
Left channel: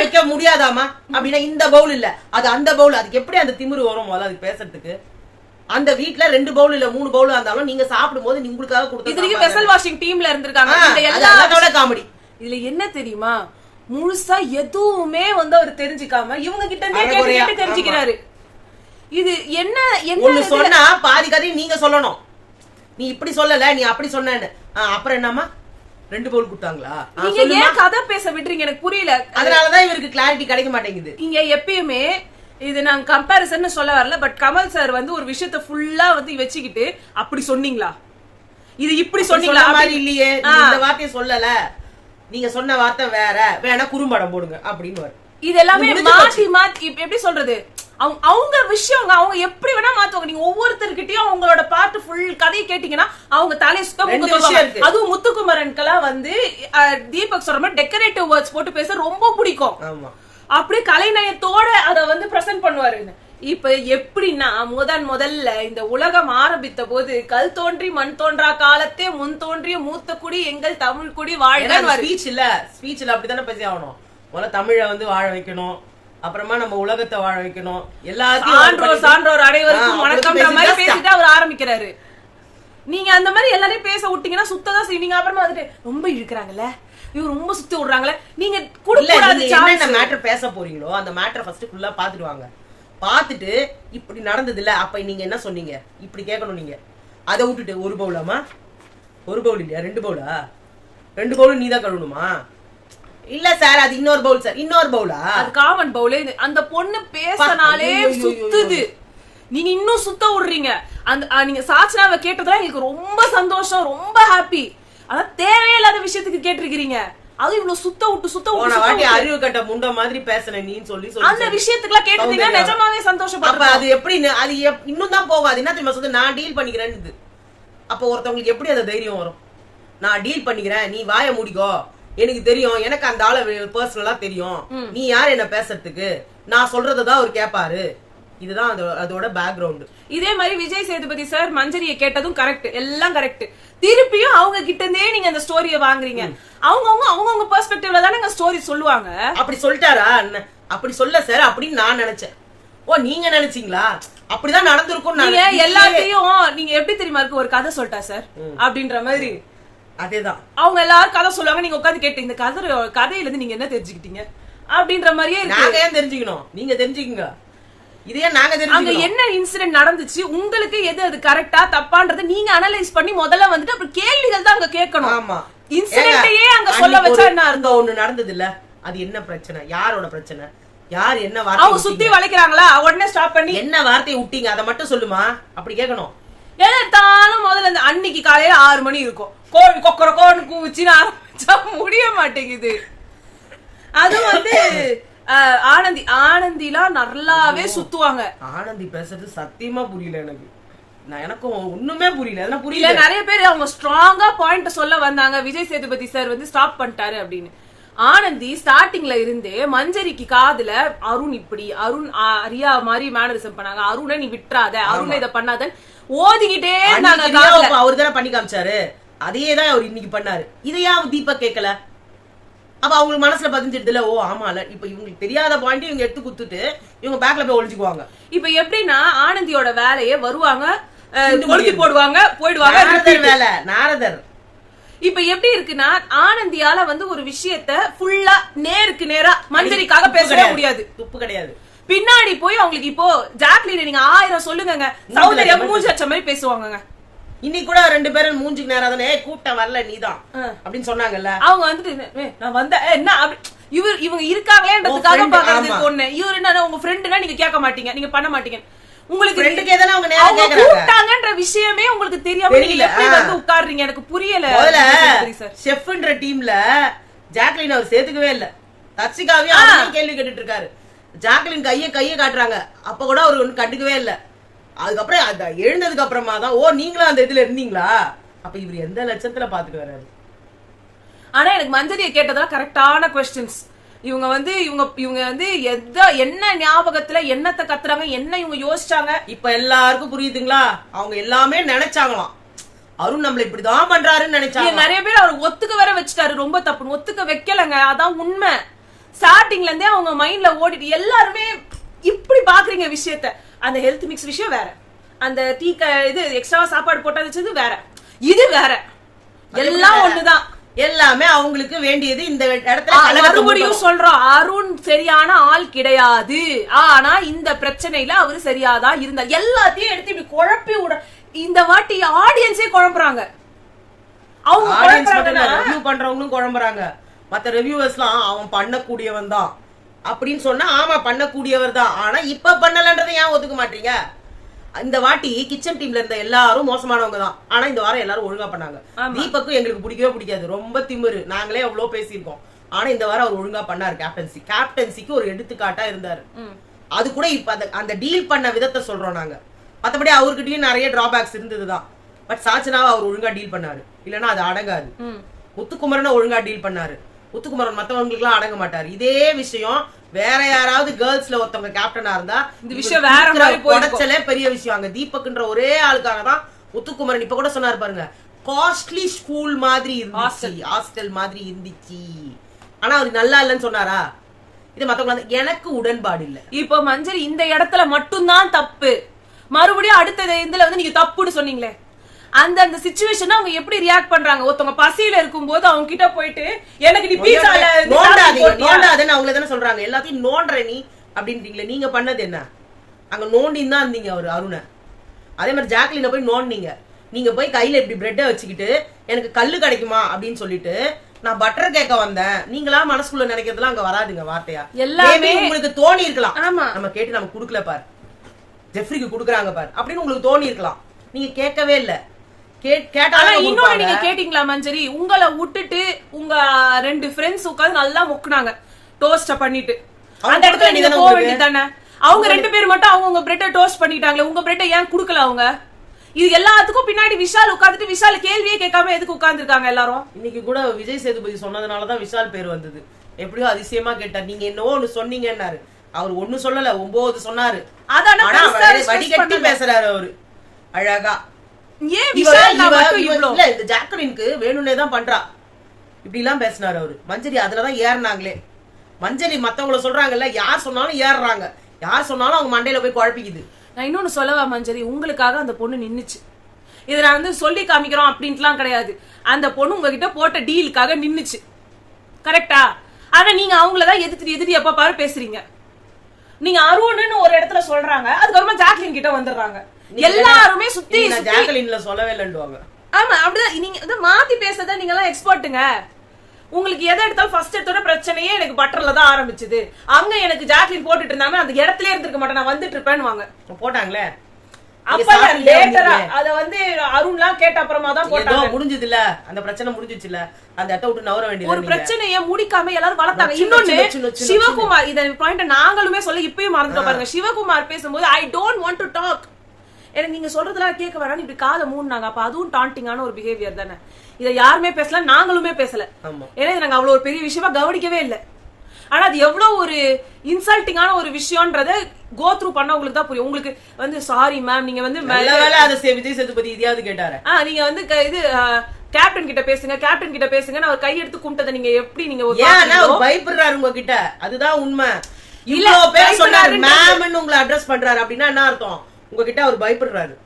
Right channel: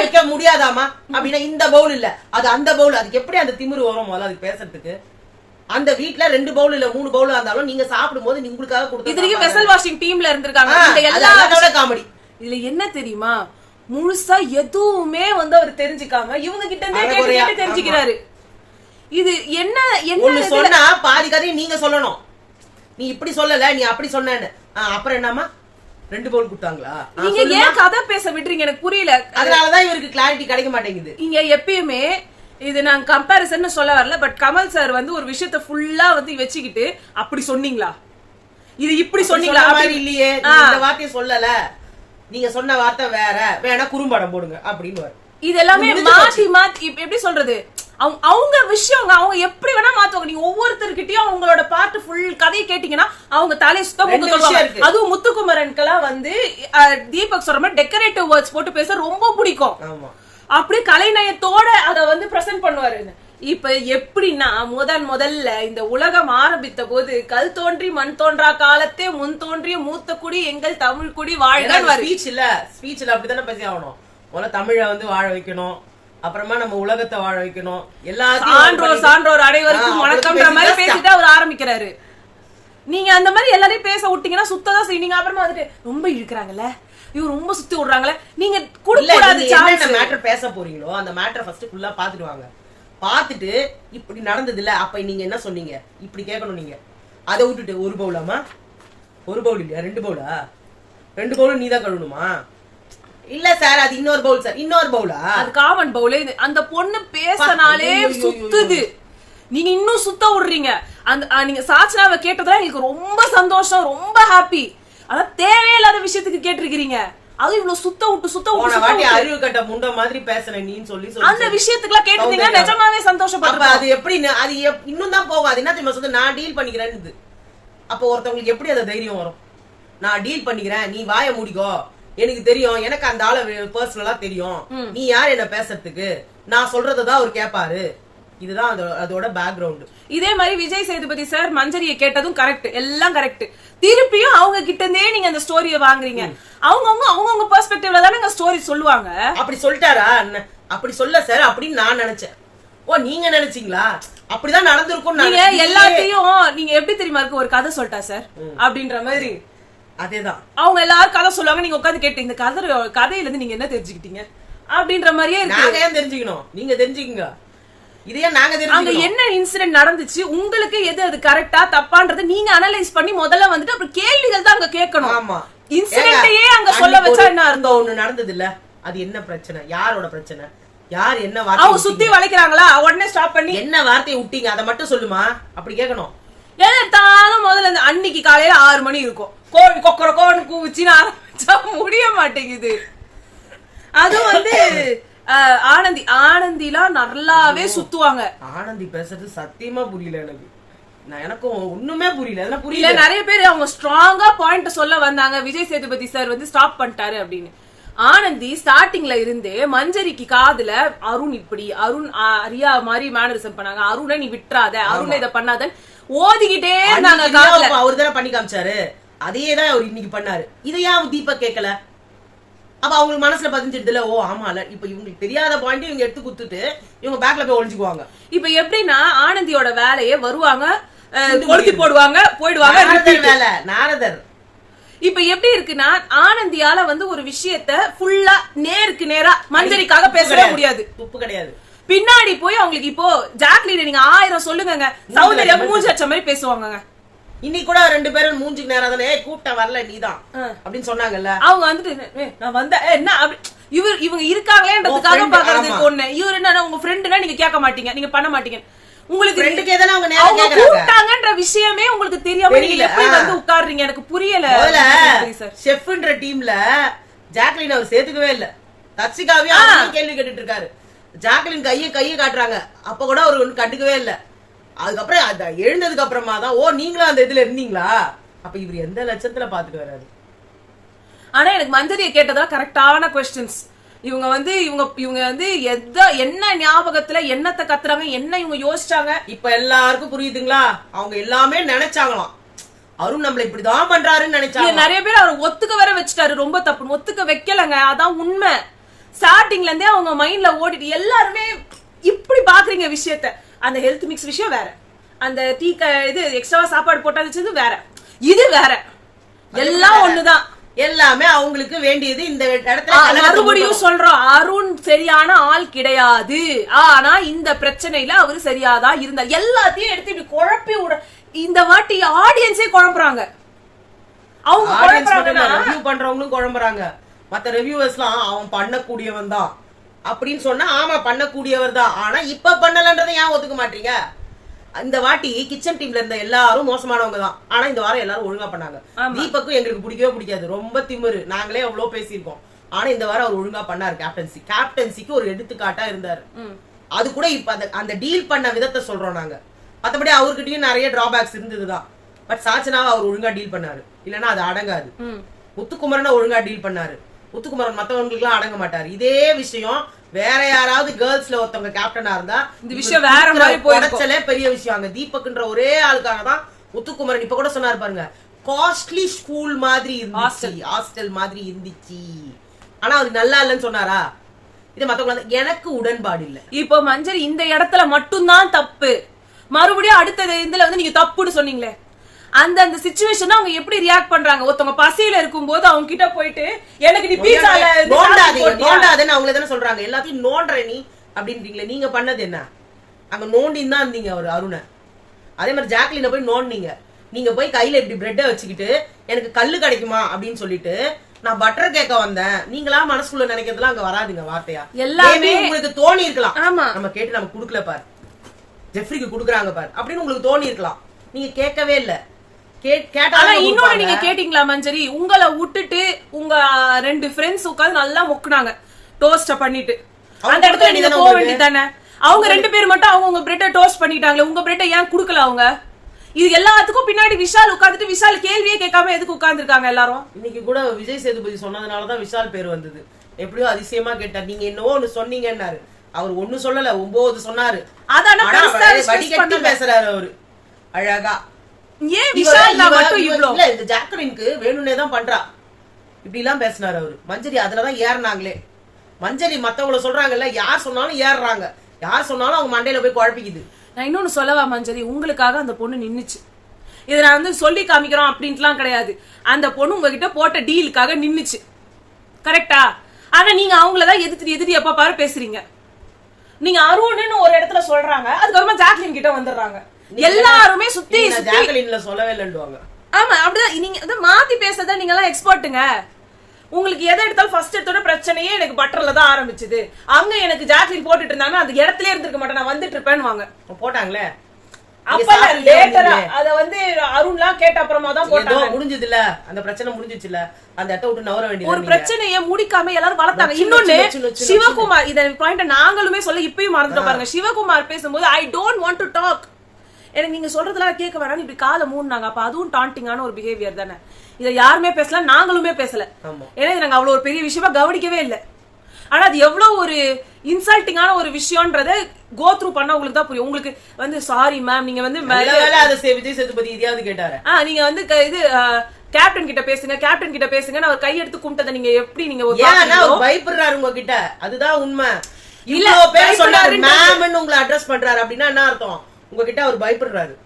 வைக்க முடியாதாமா அப்படின்னா, இந்த பவுல் இல்ல அது அந்த பவுல். அதுக்கு எப்படி அந்த திமிரு வரும்? அதுக்கு பேசுறதுக்கு அந்த வீட்ல 2 பவுல் இல்ல 3 பவுல் இருந்தாலும் நீங்க சாப்பிடும் போது உங்களுக்காக கொடுத்து இதுக்கு வெசல் வாஷிங் டீம்ல இருந்திருக்காங்க. இந்த எல்லா காமெடி இதுல என்ன தெரியுமா, முழுசா எதுவுமே வந்து அவர் தெரிஞ்சுக்காம இவங்க கிட்ட இருந்தே கேட்டு கேட்டு தெரிஞ்சுக்கிறாரு. இது என்ன என்ன சொன்னா பாதி கதையும் நீங்க சொல்லணும். நீ இப்படி சொல்லல, நீ அப்படி சொன்னேன்னு. அப்புறம் என்னமா 2 பவுல் கொடுத்தாங்களா? நீங்க ஏன் கதை பேச விடுறீங்க எனக்கு புரியல. அதனாலதான் இவருக்கு கிளாரிட்டி கிடைக்க மாட்டேங்குது. இங்க எப்பயுமே இது நான் கம்பேரிசன் சொல்ல வரல, பட் கமல் சார் வந்து ஒரு விஷயத்த ஃபுல்லா வந்து வச்சுக்கிட்டு அப்படி சொன்னீங்களா, இது இப்படி சொன்னீங்களா அப்படி இல்லையே, இந்த வார்த்தையை சொல்லல, நீங்க சொன்ன வார்த்தை வேற, வேணா குறும்படம் போடுங்க அப்படின்னு. இது எல்லாமே மாத்தி மாத்தி எப்படி சொல்றது, அவங்க விஷயம் அவங்க எப்படி வேணா மாத்துவாங்க. நீங்க ஒவ்வொருத்தர்கிட்டயும் அவங்களோட பாட்டு ஃபுல் கதையை கேட்டீங்கன்னா அவங்க தலையை சுத்தம். அதுவும் முத்துக்குமரனுக்கெல்லாம் வந்து தீபக் சொல்ற மாதிரி டெக்கரேட்டிவ் வேர்ட்ஸ் போட்டு பேச ரொம்ப பிடிக்கும். அப்படி கலைநயத்தோட அத வந்து பிரசன்ட் பண்ணுவாரு. இப்ப எப்படின்னா முதல்ல இந்த உலகம் ஆரம்பித்த போது கல் தோன்றி மண் தோன்றா காலத்தே முன் தோன்றிய மூத்த குடி எங்கள் தமிழ் குடி வாழ்க. ஸ்பீச்ல அப்படித்தானே பேசி ஆகணும். முதல்ல தமிழை வந்து வாழ வைக்கணும், அப்புறமா நம்ம உலகத்தை வாழ வைக்கணும், எல்லாத்தையும் சான்றோர் அனைவருக்கும் வணக்கம்ன்ற மாதிரி பேசிட்டு அவர் ஆரம்பிக்கிறாரு. நீங்க அந்த மாதிரி எல்லாரையும் பேச விட்டீங்கன்னா சுத்ததான் செய்வீங்க. அப்புறமா வந்துட்டு ரொம்ப இழுக்கிறாங்கல்ல, இவங்க ரொம்ப சுத்தி விடுறாங்களே, நீங்க மேட்டர் பேச போறீங்களோ அந்த மேட்டர் ஃபர்ஸ்ட் ஃபுல்லா பாத்துட்டு வாங்க. பாத்துட்டு இப்படி நடந்தது இல்ல, அப்ப நீங்க என்ன சொன்னீங்க இப்படி கேட்கணும். நீங்க அதை விட்டுட்டு 1 பவுலாமா, 1 பவுல் இல்லையா 2 பவுலா, 2 பவுல் நீதான் கழுவணுமா? இல்ல சார் அது இன்னொரு பவுல் சார், இன்னொரு பவுலா, அது காமன் பவுல். அந்த பொண்ணு பேசினாலே சுத்துது, நீங்க இன்னும் சுத்த விடுறீங்க. அந்த நீங்க சாட்சியாவை கேட்டதுல எங்களுக்கு ரொம்ப சந்தோஷம், ரொம்ப ஹாப்பி. ஆனா தேவையில்லாத விஷயத்துக்கு கேட்டிருக்கீங்க. அது இவ்வளவு சுத்த விட்டு அறிவு கட்ட முண்ட மாதிரி பேசுறேன் நீ சொல்லி அந்த விஷயத்துக்குலாம் கேட்டீங்கன்னா நிஜமாவே சந்தோஷப்படுறேன். அது எப்படி அது இன்னும் தான் போகாது. என்ன தெரியுமா சொல்றது, நான் டீல் பண்ணிக்கிறேன்னு. அப்ப ஒருத்தவங்களுக்கு எப்படி அந்த தைரியம் வரும்? நான் டீல் பண்ணிக்கிறேன், நீ வாய மூடிக்கோ, எனக்கு தெரியும், எனக்கு அந்த ஆளை பர்சனலா தெரியும், நீ யார் என்ன பேசுறதுக்கு, நான் சொல்றதான் அவர் கேட்பாரு. இதுதான் அதோட பேக்ரவுண்ட். இதே மாதிரி விஜய் சேதுபதி சார் மஞ்சரியை கேட்டதும் கரெக்ட், எல்லாம் கரெக்ட். திருப்பியும் அவங்க கிட்ட இருந்தே நீங்க அந்த ஸ்டோரிய வாங்குறீங்க. அவங்க பெர்ஸ்பெக்டிவ்ல தானே ஸ்டோரி சொல்லுவாங்க. அப்படி சொல்லிட்டாரா? அப்படி சொல்ல சார் அப்படின்னு நான் நினைச்சேன். ஓ நீங்க நினைச்சீங்களா? அப்படிதான் நடந்திருக்கும். நீங்க எல்லாத்தையும் நீங்க எப்படி தெரியுமா இருக்கு, ஒரு கதை சொல்லிட்டா சார் அப்படின்ற மாதிரி. அதேதான் அவங்க எல்லாரும் கதை சொல்லுவாங்க, நீங்க உட்காந்து கேட்டு இந்த கதையில இருந்து நீங்க என்ன தெரிஞ்சுக்கிட்டீங்க அப்படின்ற மாதிரியே இருக்கு. நாங்க ஏன் தெரிஞ்சுக்கணும், நீங்க தெரிஞ்சுக்கீங்க. இதே நாங்க அங்க என்ன இன்சிடென்ட் நடந்துச்சு, உங்களுக்கு எது அது கரெக்டா தப்பான்றது நீங்க அனலைஸ் பண்ணி முதல்ல வந்துட்டு அப்புறம் கேள்விகள் தான் அங்க கேட்கணும். ஆமா, இன்சிடென்ட்டையே அங்க சொல்ல வச்சா என்ன அர்த்தம்? ஒண்ணு நடந்தது இல்ல, அது என்ன பிரச்சனை, யாரோட பிரச்சனை, யார் என்ன வார்த்தை, அவங்க சுத்தி வளைக்கிறாங்களா, உடனே ஸ்டாப் பண்ணி என்ன வார்த்தையை விட்டீங்க அதை மட்டும் சொல்லுமா, அப்படி கேட்கணும். எதாலும் முதல்ல அன்னைக்கு காலையில 6 மணி இருக்கும், கோழி கொக்கர கோன்னு கூவிச்சுன்னு ஆரம்பிச்சா முடிய மாட்டேங்குது. அது வந்து ஆனந்திலாம் நல்லாவே சுத்துவாங்க. ஆனந்தி பேசுறது சத்தியமா புரியல எனக்கு. எனக்கும் ஒண்ணுமே புரியல. நிறைய பேர் அவங்க ஸ்ட்ராங்கா பாயிண்ட் சொல்ல வந்தாங்க, விஜய் சேதுபதி சார் வந்து ஸ்டாப் பண்ணிட்டாரு அப்படின்னு. ஆனந்தி ஸ்டார்டிங்ல இருந்தே மஞ்சரிக்கு காதுல அருண் இப்படி, அருண் அரியா மாதிரி மேனரிசம் பண்ணாங்க, அருணை நீ விட்டுறாத, அருணை இதை பண்ணாத ஓதிக்கிட்டே இருந்தாங்க. அவரு தானே பண்ணி காமிச்சாரு, அதையேதான் அவர் இன்னைக்கு பண்ணாரு. இதையா தீபக் கேட்கல? அப்ப அவங்க மனசுல பதிஞ்சிருதுல, ஓ ஆமால, இப்ப இவங்களுக்கு தெரியாத பாயிண்ட் இவங்க எடுத்து குத்துட்டு இவங்க பேக்ல போய் ஒளிஞ்சுக்குவாங்க. இப்ப எப்படின்னா ஆனந்தியோட வேலையே வருவாங்க, கொளுத்தி போடுவாங்க, போயிடுவாங்க. வேலை நாரதர். இப்ப எப்படி இருக்குன்னா ஆனந்தியால வந்து ஒரு விஷயத்த ஃபுல்லா நேருக்கு நேரா மஞ்சரிக்காக பேசவே முடியாது, துப்பு கிடையாது. பின்னாடி போய் அவங்களுக்கு இப்போ ஜாக்லின் நீங்க 1000 சொல்லுங்க, சௌந்தர்யா மூஞ்சி அடிச்ச மாதிரி பேசுவாங்க. இன்னைக்கு கூட 2 பேரும் மூஞ்சுக்கு நேரா தானே கூட்டம் வரல நீதான் அப்படின்னு சொன்னாங்கல்ல. அவங்க வந்துட்டு நான் வந்த என்ன இவங்க இருக்காங்களேன்றதுக்காக பாக்குறது ஒண்ணு. இவரு என்ன உங்க ஃப்ரெண்டுனா நீங்க கேட்க மாட்டீங்க, நீங்க பண்ண மாட்டீங்க. உங்களுக்கு அவங்க கூப்பிட்டாங்கன்ற விஷயமே உங்களுக்கு தெரியாம நீங்க எப்படி வந்து உட்கார்றீங்க, எனக்கு புரியல. செஃப்ன்ற டீம்ல ஜாக்லின் அவர் சேர்த்துக்கவே இல்ல, தர்ஷிகாவையும் கேள்வி கேட்டுட்டு இருக்காரு. ஜாக்லின் கைய காட்டுறாங்க, அப்ப கூட அவர் ஒண்ணு கண்டுக்கவே இல்ல. அதுக்கப்புறம் எழுந்ததுக்கு அப்புறமா தான் ஓ நீங்களும் அந்த இதுல இருந்தீங்களா, அப்ப இவர் எந்த லட்சத்துல பாத்துட்டு வர்றாரு. ஆனா எனக்கு மஞ்சரியை கேட்டதா கரெக்டான கொஸ்டின்ஸ். இவங்க வந்து என்ன ஞாபகத்துல என்னத்தை கத்துறாங்க, என்ன இவங்க யோசிச்சாங்க, இப்ப எல்லாருக்கும் புரியுதுங்களா? அவங்க எல்லாமே நினைச்சாங்களாம், அருண் நம்மள இப்படிதான் பண்றாருன்னு நினைச்சாங்க. நிறைய பேர் அவர் ஒத்துக்க வர வச்சுட்டாரு, ரொம்ப தப்பு. ஒத்துக்க வைக்கலங்க, அதான் உண்மை. ஸ்டார்டிங்ல இருந்தே அவங்க மைண்ட்ல ஓடிட்டு எல்லாருமே இப்படி பாக்குறீங்க விஷயத்த. அந்த ஹெல்த் மிக்ஸ் விஷயம் வேற, அந்த டீ இது எக்ஸ்ட்ராவா சாப்பாடு போட்டது வேற, இது வேற, எல்லாம் ஒண்ணுதான். எல்லாமே அவங்களுக்கு வேண்டியது. இந்த இடத்துல மறுபடியும் சொல்றோம், அருண் சரியான ஆள் கிடையாது. ஆனா இந்த பிரச்சனையில அவரு சரியாதான் இருந்தார். எல்லாத்தையும் எடுத்து இப்படி குழப்பி விட இந்த வாட்டி ஆடியன்ஸே குழம்புறாங்க. அவங்க குழம்புறாங்கன்னா ரிவ்யூ பண்றவங்களும் குழம்புறாங்க. மத்த ரிவ்யூவர்ஸ்லாம் அவன் பண்ணக்கூடியவன் தான் அப்படின்னு சொன்னா ஆமா பண்ணக்கூடியவர் தான், ஆனா இப்ப பண்ணலன்றதை ஏன் ஒத்துக்க மாட்டீங்க? இந்த வாட்டி கிச்சன் டீம்ல இருந்த எல்லாரும் மோசமானவங்க தான், ஆனா இந்த வாரம் எல்லாரும் ஒழுங்கா பண்ணாங்க. தீபக்கும் எங்களுக்கு பிடிக்கவே பிடிக்காது, ரொம்ப திமிரு, நாங்களே எவ்வளவு பேசியிருக்கோம். ஆனா இந்த வாரம் அவர் ஒழுங்கா பண்ணாரு. கேப்டன்சிக்கு ஒரு எடுத்துக்காட்டா இருந்தாரு. அது கூட இப்ப அந்த டீல் பண்ண விதத்தை சொல்றோம் நாங்க. மத்தபடி அவர்கிட்டயும் நிறைய டிராபேக்ஸ் இருந்ததுதான். பட் சாச்சனாவை அவர் ஒழுங்கா டீல் பண்ணாரு, இல்லன்னா அது அடங்காது. முத்துக்குமரனை ஒழுங்கா டீல் பண்ணாரு. முத்துக்குமரன் மத்தவங்களுக்கு எல்லாம் அடங்க மாட்டாரு. இதே விஷயம் வேற யாராவது கேர்ள்ஸ்ல ஒருத்தவங்க கேப்டனா இருந்தா இந்த விஷயம் வேற மாதிரி உடைச்சலே பெரிய விஷயம். அங்க தீபக்ன்ற ஒரே ஆளுக்காக தான் முத்துக்குமரன் இப்ப கூட சொன்னாரு பாருங்க, காஸ்ட்லி ஸ்கூல் மாதிரி இருந்துச்சு, ஹாஸ்டல் மாதிரி இருந்துச்சு. ஆனா அவரு நல்லா இல்லன்னு சொன்னாரா? இது மத்தவங்க எனக்கு உடன்பாடு இல்ல. இப்போ மஞ்சரி இந்த இடத்துல மட்டும்தான் தப்பு. மறுபடியும் அடுத்த இதுல வந்து நீங்க தப்புன்னு சொன்னீங்களே, அந்த சிச்சுவேஷன் அவங்க எப்படி ரியாக்ட் பண்றாங்க? ஒருத்தவங்க பசியில இருக்கும்போது அவங்க கிட்ட போயிட்டு எனக்கு நீ பீஸால நோண்டாதேன்னு அவங்கள தானே சொல்றாங்க. எல்லாத்தையும் நோண்ற நீ அப்படின்றீங்களே, நீங்க பண்ணது என்ன? அங்க நோண்டின்னு தான் இருந்தீங்க அவரு அருணை. அதே மாதிரி ஜாக்லின போய் நோண்டினீங்க. நீங்க போய் கையில இப்படி பிரெட்டை வச்சுக்கிட்டு எனக்கு கல்லு கிடைக்குமா அப்படின்னு சொல்லிட்டு நான் பட்டர் கேட்க வந்தேன். நீங்களா மனசுக்குள்ள நினைக்கிறதுலாம் அங்க வராதுங்க வார்த்தையா. எல்லாமே உங்களுக்கு தோணி இருக்கலாம். நம்ம கேட்டு நம்ம குடுக்கல பாரு, ஜெஃப்ரிக்கு குடுக்குறாங்க பாரு அப்படின்னு உங்களுக்கு தோணி இருக்கலாம். நீங்க கேட்கவே இல்ல. இன்னொன்னு நீங்க கேட்டீங்களா மஞ்சரி? உங்களை விட்டுட்டு உங்க 2 ஃப்ரெண்ட்ஸ் உட்கார்ந்து நல்லா முக்குனாங்க டோஸ்ட பண்ணிட்டு. அந்த இடத்துல நீங்க போக வேண்டியதானே? அவங்க 2 பேர் மட்டும் அவங்க பிரெட்ட டோஸ்ட் பண்ணிட்டாங்களே, உங்க பிரெட்ட ஏன் குடுக்கல அவங்க? இது எல்லாத்துக்கும் பின்னாடி விஷால் உட்கார்ந்துட்டு விஷால் கேள்வியே கேட்காம எதுக்கு உட்கார்ந்து இருக்காங்க எல்லாரும்? இன்னைக்கு கூட விஜய் சேதுபதி சொன்னதுனாலதான் விஷால் பேர் வந்தது. எப்படியோ அதிசயமா கேட்டார், நீங்க என்னவோ ஒண்ணு சொன்னீங்கன்னாரு. அவர் ஒண்ணு சொல்லல, 9 சொன்னாரு. அதான் பேசுறாரு அவரு அழகா. ஏன் விஷால் மட்டும் இவ்ளோ? இல்ல, இந்த ஜாக்லினுக்கு வேணும்னே தான் பண்றா இப்படி எல்லாம் பேசினாரு அவரு. மஞ்சரி அதுலதான் ஏறினாங்களே. மஞ்சரி மத்தவங்கள சொல்றாங்கல்ல, யார் சொன்னாலும் ஏறுறாங்க, யார் சொன்னாலும் அவங்க மண்டையில போய் குழப்பிக்குது. நான் இன்னொன்னு சொல்லவா மஞ்சரி? உங்களுக்காக அந்த பொண்ணு நின்னுச்சு. இத நான் வந்து சொல்லி காமிக்கிறோம் அப்படின்ட்டுலாம் கிடையாது. அந்த பொண்ணு உங்ககிட்ட போட்ட டீலுக்காக நின்னுச்சு, கரெக்டா? ஆனா நீங்க அவங்களதான் எதிர்த்து எப்ப பாரு பேசுறீங்க. நீங்க அருண்னு ஒரு இடத்துல சொல்றாங்க, அதுக்கப்புறமா ஜாக்லின் கிட்ட வந்துடுறாங்க. எல்லாருமே சுத்தி ஜாக்லின்ல சொல்லவே இல்லைன்னுவாங்க. ஆமா, அப்படிதான். நீங்க மாத்தி பேசுறத நீங்க எல்லாம் எக்ஸ்பர்ட்டுங்க. உங்களுக்கு எதை எடுத்தாலும் ஃபர்ஸ்ட் எடுத்தோட பிரச்சனையே எனக்கு பட்டர்ல தான் ஆரம்பிச்சது. அங்க எனக்கு ஜாக்லின் போட்டுட்டு இருந்தாங்க, அந்த இடத்துல இருந்திருக்க மாட்டேன், நான் வந்துட்டு இருப்பேன்னு போட்டாங்களே. அப்ப லேட்டரா அத வந்து அருண்லாம் கேட்ட அப்புறமா தான் போட்டாங்க. முடிஞ்சது இல்ல, அந்த பிரச்சனை முடிஞ்சிச்சு இல்ல, அந்த இடத்த விட்டு நவர வேண்டியது. ஒரு பிரச்சனையை முடிக்காம எல்லாரும் வளர்த்தாங்க. இன்னொன்னு சிவகுமார், இத பாயிண்ட் நாங்களுமே சொல்ல இப்பயும் மறந்துட்டு பாருங்க. சிவகுமார் பேசும்போது I don't want to talk, எனக்கு நீங்க சொல்றதெல்லாம் கேட்க வேணாம், இப்படி காதை மூடினாங்க. அப்ப அதுவும் டாண்டிங்கான ஒரு பிஹேவியர் தானே. இதை யாருமே பேசல, நாங்களுமே பேசல. ஏன்னா நாங்க அவ்வளவு ஒரு பெரிய விஷயமா கவனிக்கவே இல்லை. ஆனா அது எவ்வளவு ஒரு இன்சல்ட்டிங்கான ஒரு விஷயம்ன்றத கோ த்ரூ பண்ண உங்களுக்கு தான் புரியும். உங்களுக்கு வந்து சாரி மேம், நீங்க வந்து விஜய் சேதுபதி இதையாவது கேட்டாரு, நீங்க வந்து இது கேப்டன் கிட்ட பேசுங்க, கேப்டன் கிட்ட பேசுங்க, அவர் கையெடுத்து கும்பிட்டதை நீங்க எப்படி நீங்க பயப்படுறாரு உங்ககிட்ட? அதுதான் உண்மை. இவ்வளவு பேர் சொன்னாரு மேம்னு உங்களை அட்ரஸ் பண்றாரு அப்படின்னா என்ன அர்த்தம்? உங்ககிட்ட அவர் பயப்படுறாரு.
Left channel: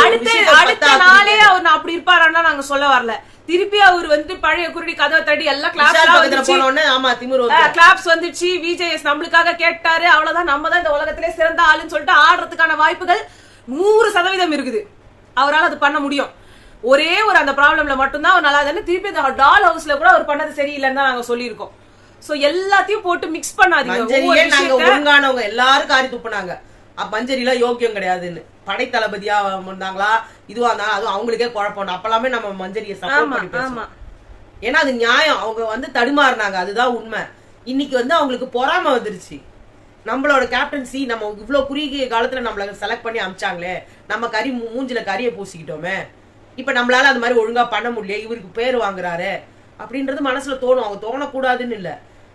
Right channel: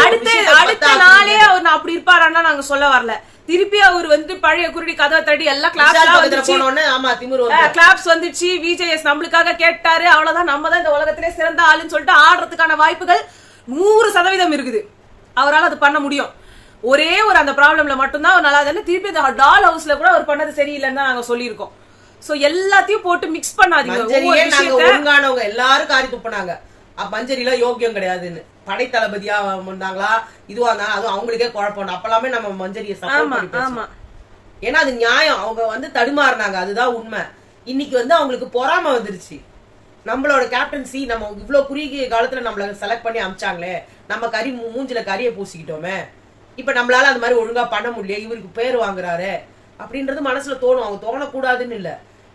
அடுத்த நாளே அவர் அப்படி இருப்பாரான்னா நாங்க சொல்ல வரல. திருப்பி அவர் வந்து பழைய குருடி கதை தடி எல்லாம் கிளாப்ஸ் வந்துச்சு, விஜேஎஸ் நம்மளுக்காக கேட்டாரு, அவ்வளவுதான், நம்ம தான் இந்த உலகத்திலே சிறந்த ஆளுன்னு சொல்லிட்டு ஆடுறதுக்கான வாய்ப்புகள் 100% இருக்குது. அவரால் அது பண்ண முடியும். ஒரே ஒரு அந்த ப்ராப்ளம்ல மட்டும்தான் அவர் நல்லா தானே. திருப்பி டால் ஹவுஸ்ல கூட அவர் பண்ணது சரியில்லைன்னு தான் நாங்க சொல்லியிருக்கோம். சோ எல்லாத்தையும் போட்டு மிக்ஸ் பண்ணாதீங்க. ஒழுங்கானவங்க எல்லாரும் காரி துப்புனாங்க, மஞ்சரில யோக்கியம் கிடையாதுன்னு. படை தளபதியா இருந்தாங்களா இதுவா இருந்தாலும் அது அவங்களுக்கே குழப்பம். அப்பலாமே நம்ம மஞ்சரியை சப்போர்ட் பண்ணி பேசணும். ஏன்னா அது நியாயம். அவங்க வந்து தடுமாறினாங்க, அதுதான் உண்மை. இன்னைக்கு வந்து அவங்களுக்கு பொறாம வந்துருச்சு. நம்மளோட கேப்டன்சி நம்ம இவ்வளவு குறுகிய காலத்துல நம்மள செலக்ட் பண்ணி அமிச்சாங்களே, நம்ம மூஞ்சில கறியை பூசிக்கிட்டோமே, இப்ப நம்மளால அது மாதிரி ஒழுங்கா பண்ண முடியல, இவருக்கு பேர் வாங்குறாரு அப்படின்றது மனசுல தோணும். அவங்க தோணக்கூடாதுன்னு இல்ல,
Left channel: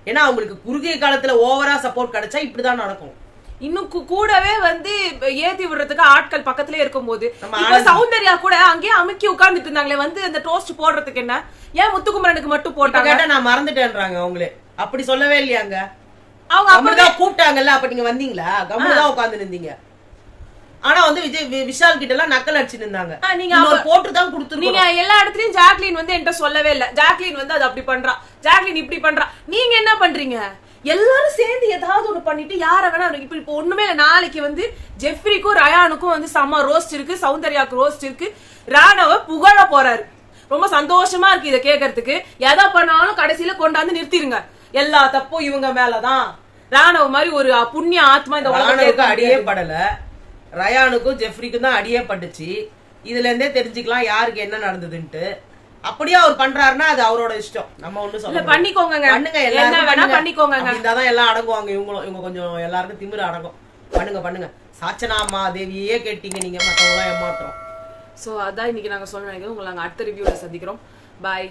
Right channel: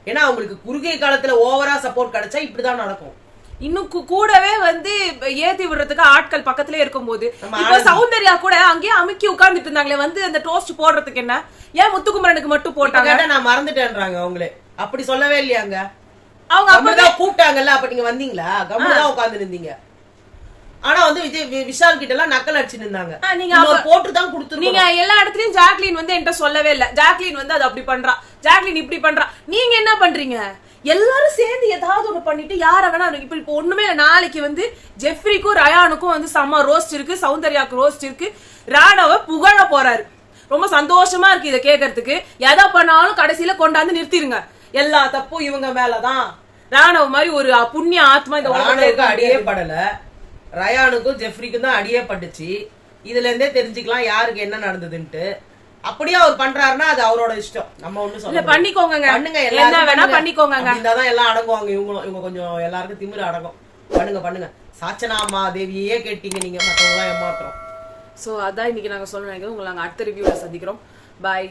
ஏன்னா அவங்களுக்கு குறுகிய காலத்துல ஓவரா சப்போர்ட் கிடைச்சா இப்படிதான் நடக்கும். இன்னும் கூடவே வந்து ஏத்தி விடுறதுக்கு ஆட்கள் பக்கத்திலே இருக்கும்போது இப்ப சௌந்தர்யா கூட அங்கேயே அமுக்கி உட்கார்ந்துட்டு இருந்தாங்களே, வந்து அந்த டோஸ்ட் போடுறதுக்கு என்ன, ஏன் முத்துக்குமரனுக்கு மட்டும் போட்டாங்க? நான் மறந்துட்டேன்றாங்க அவங்களே. அப்படி சொல்லவே இல்லையாங்க, அவங்க அப்பதான் கூப்பிட்டாங்கல்ல, அப்ப நீங்க வந்தீங்களா? கம்முதான் உட்கார்ந்து இருந்தீங்க. ஆனா வந்து விஷால் கிட்ட எல்லாம் நக்கல் அடிச்சு நின்னாங்க. நீங்க போட்டுதான் கொடுத்து நீங்க எல்லா இடத்துலயும் ஜாக்லின் வந்து என்கிட்ட சொல்லவே இல்ல. ஜாக்லின் வந்து அது அப்படி பண்றா, ஜாக்லின் இப்படி பண்றா. நீங்க என்ன பண்றீங்க? எல்லாரும் சேர்ந்து ஏதாவது ஒண்ணு பண்ணிட்டு யார வேணா இப்ப ஒண்ணுமே இல்ல. நாளைக்கு வந்து ஜெஃப்ரிக்கும் ரயானுக்கும் வந்து செம்ம ரோஸ்ட் இருக்கு, சௌந்தர்யாவுக்கு ரோஸ்ட் இருக்கு. ராணவ புகழ போறாரு. ரொம்ப சந்தோஷமா இருக்கு இதை கேட்கறதுக்கு. எதை பண்ணாலும் கடைசியில கொண்டாந்து நிறுத்திருங்க. எல்லா தப்பும் இவங்க மேலதான். ராணவ மாதிரி ஒரு புண்ணிய ஆத்மா இந்த உலகத்துக்கு அடியே படல. ரயானுக்கும் ஜெஃப்ரிக்கும் தான் அடியே பட்டுச்சு. இதுல இருந்தே தெரிஞ்சுக்கலாம் யாருக்கு என்ன நடந்ததுன்ட்டு. அப்படியே அவர் பண்றாருன்னா அது அவரோட இஷ்டம். நம்ம ஒண்ணு சொல்ல பண்ணிக்கோங்க, பண்ணுங்க, என்ன வேணா பண்ணிக்கோங்க. இதாதான் எல்லாம் அடங்குவாங்க. இவங்க கொஞ்சம் எல்லாருக்கும் திமிரு அடங்கும். பண்ணுங்க. சாச்சனாமா தேவியே கேட்டீங்க நீங்க, மத்தவங்க எல்லாம் ஏமாத்துறோம். சோ அதான் இன்னைக்கு நாங்க சொல்ல நினைக்கிறோம். உங்களை நாங்க அடுத்த ரிவ்யூல சந்திக்கிறோம். பாய்.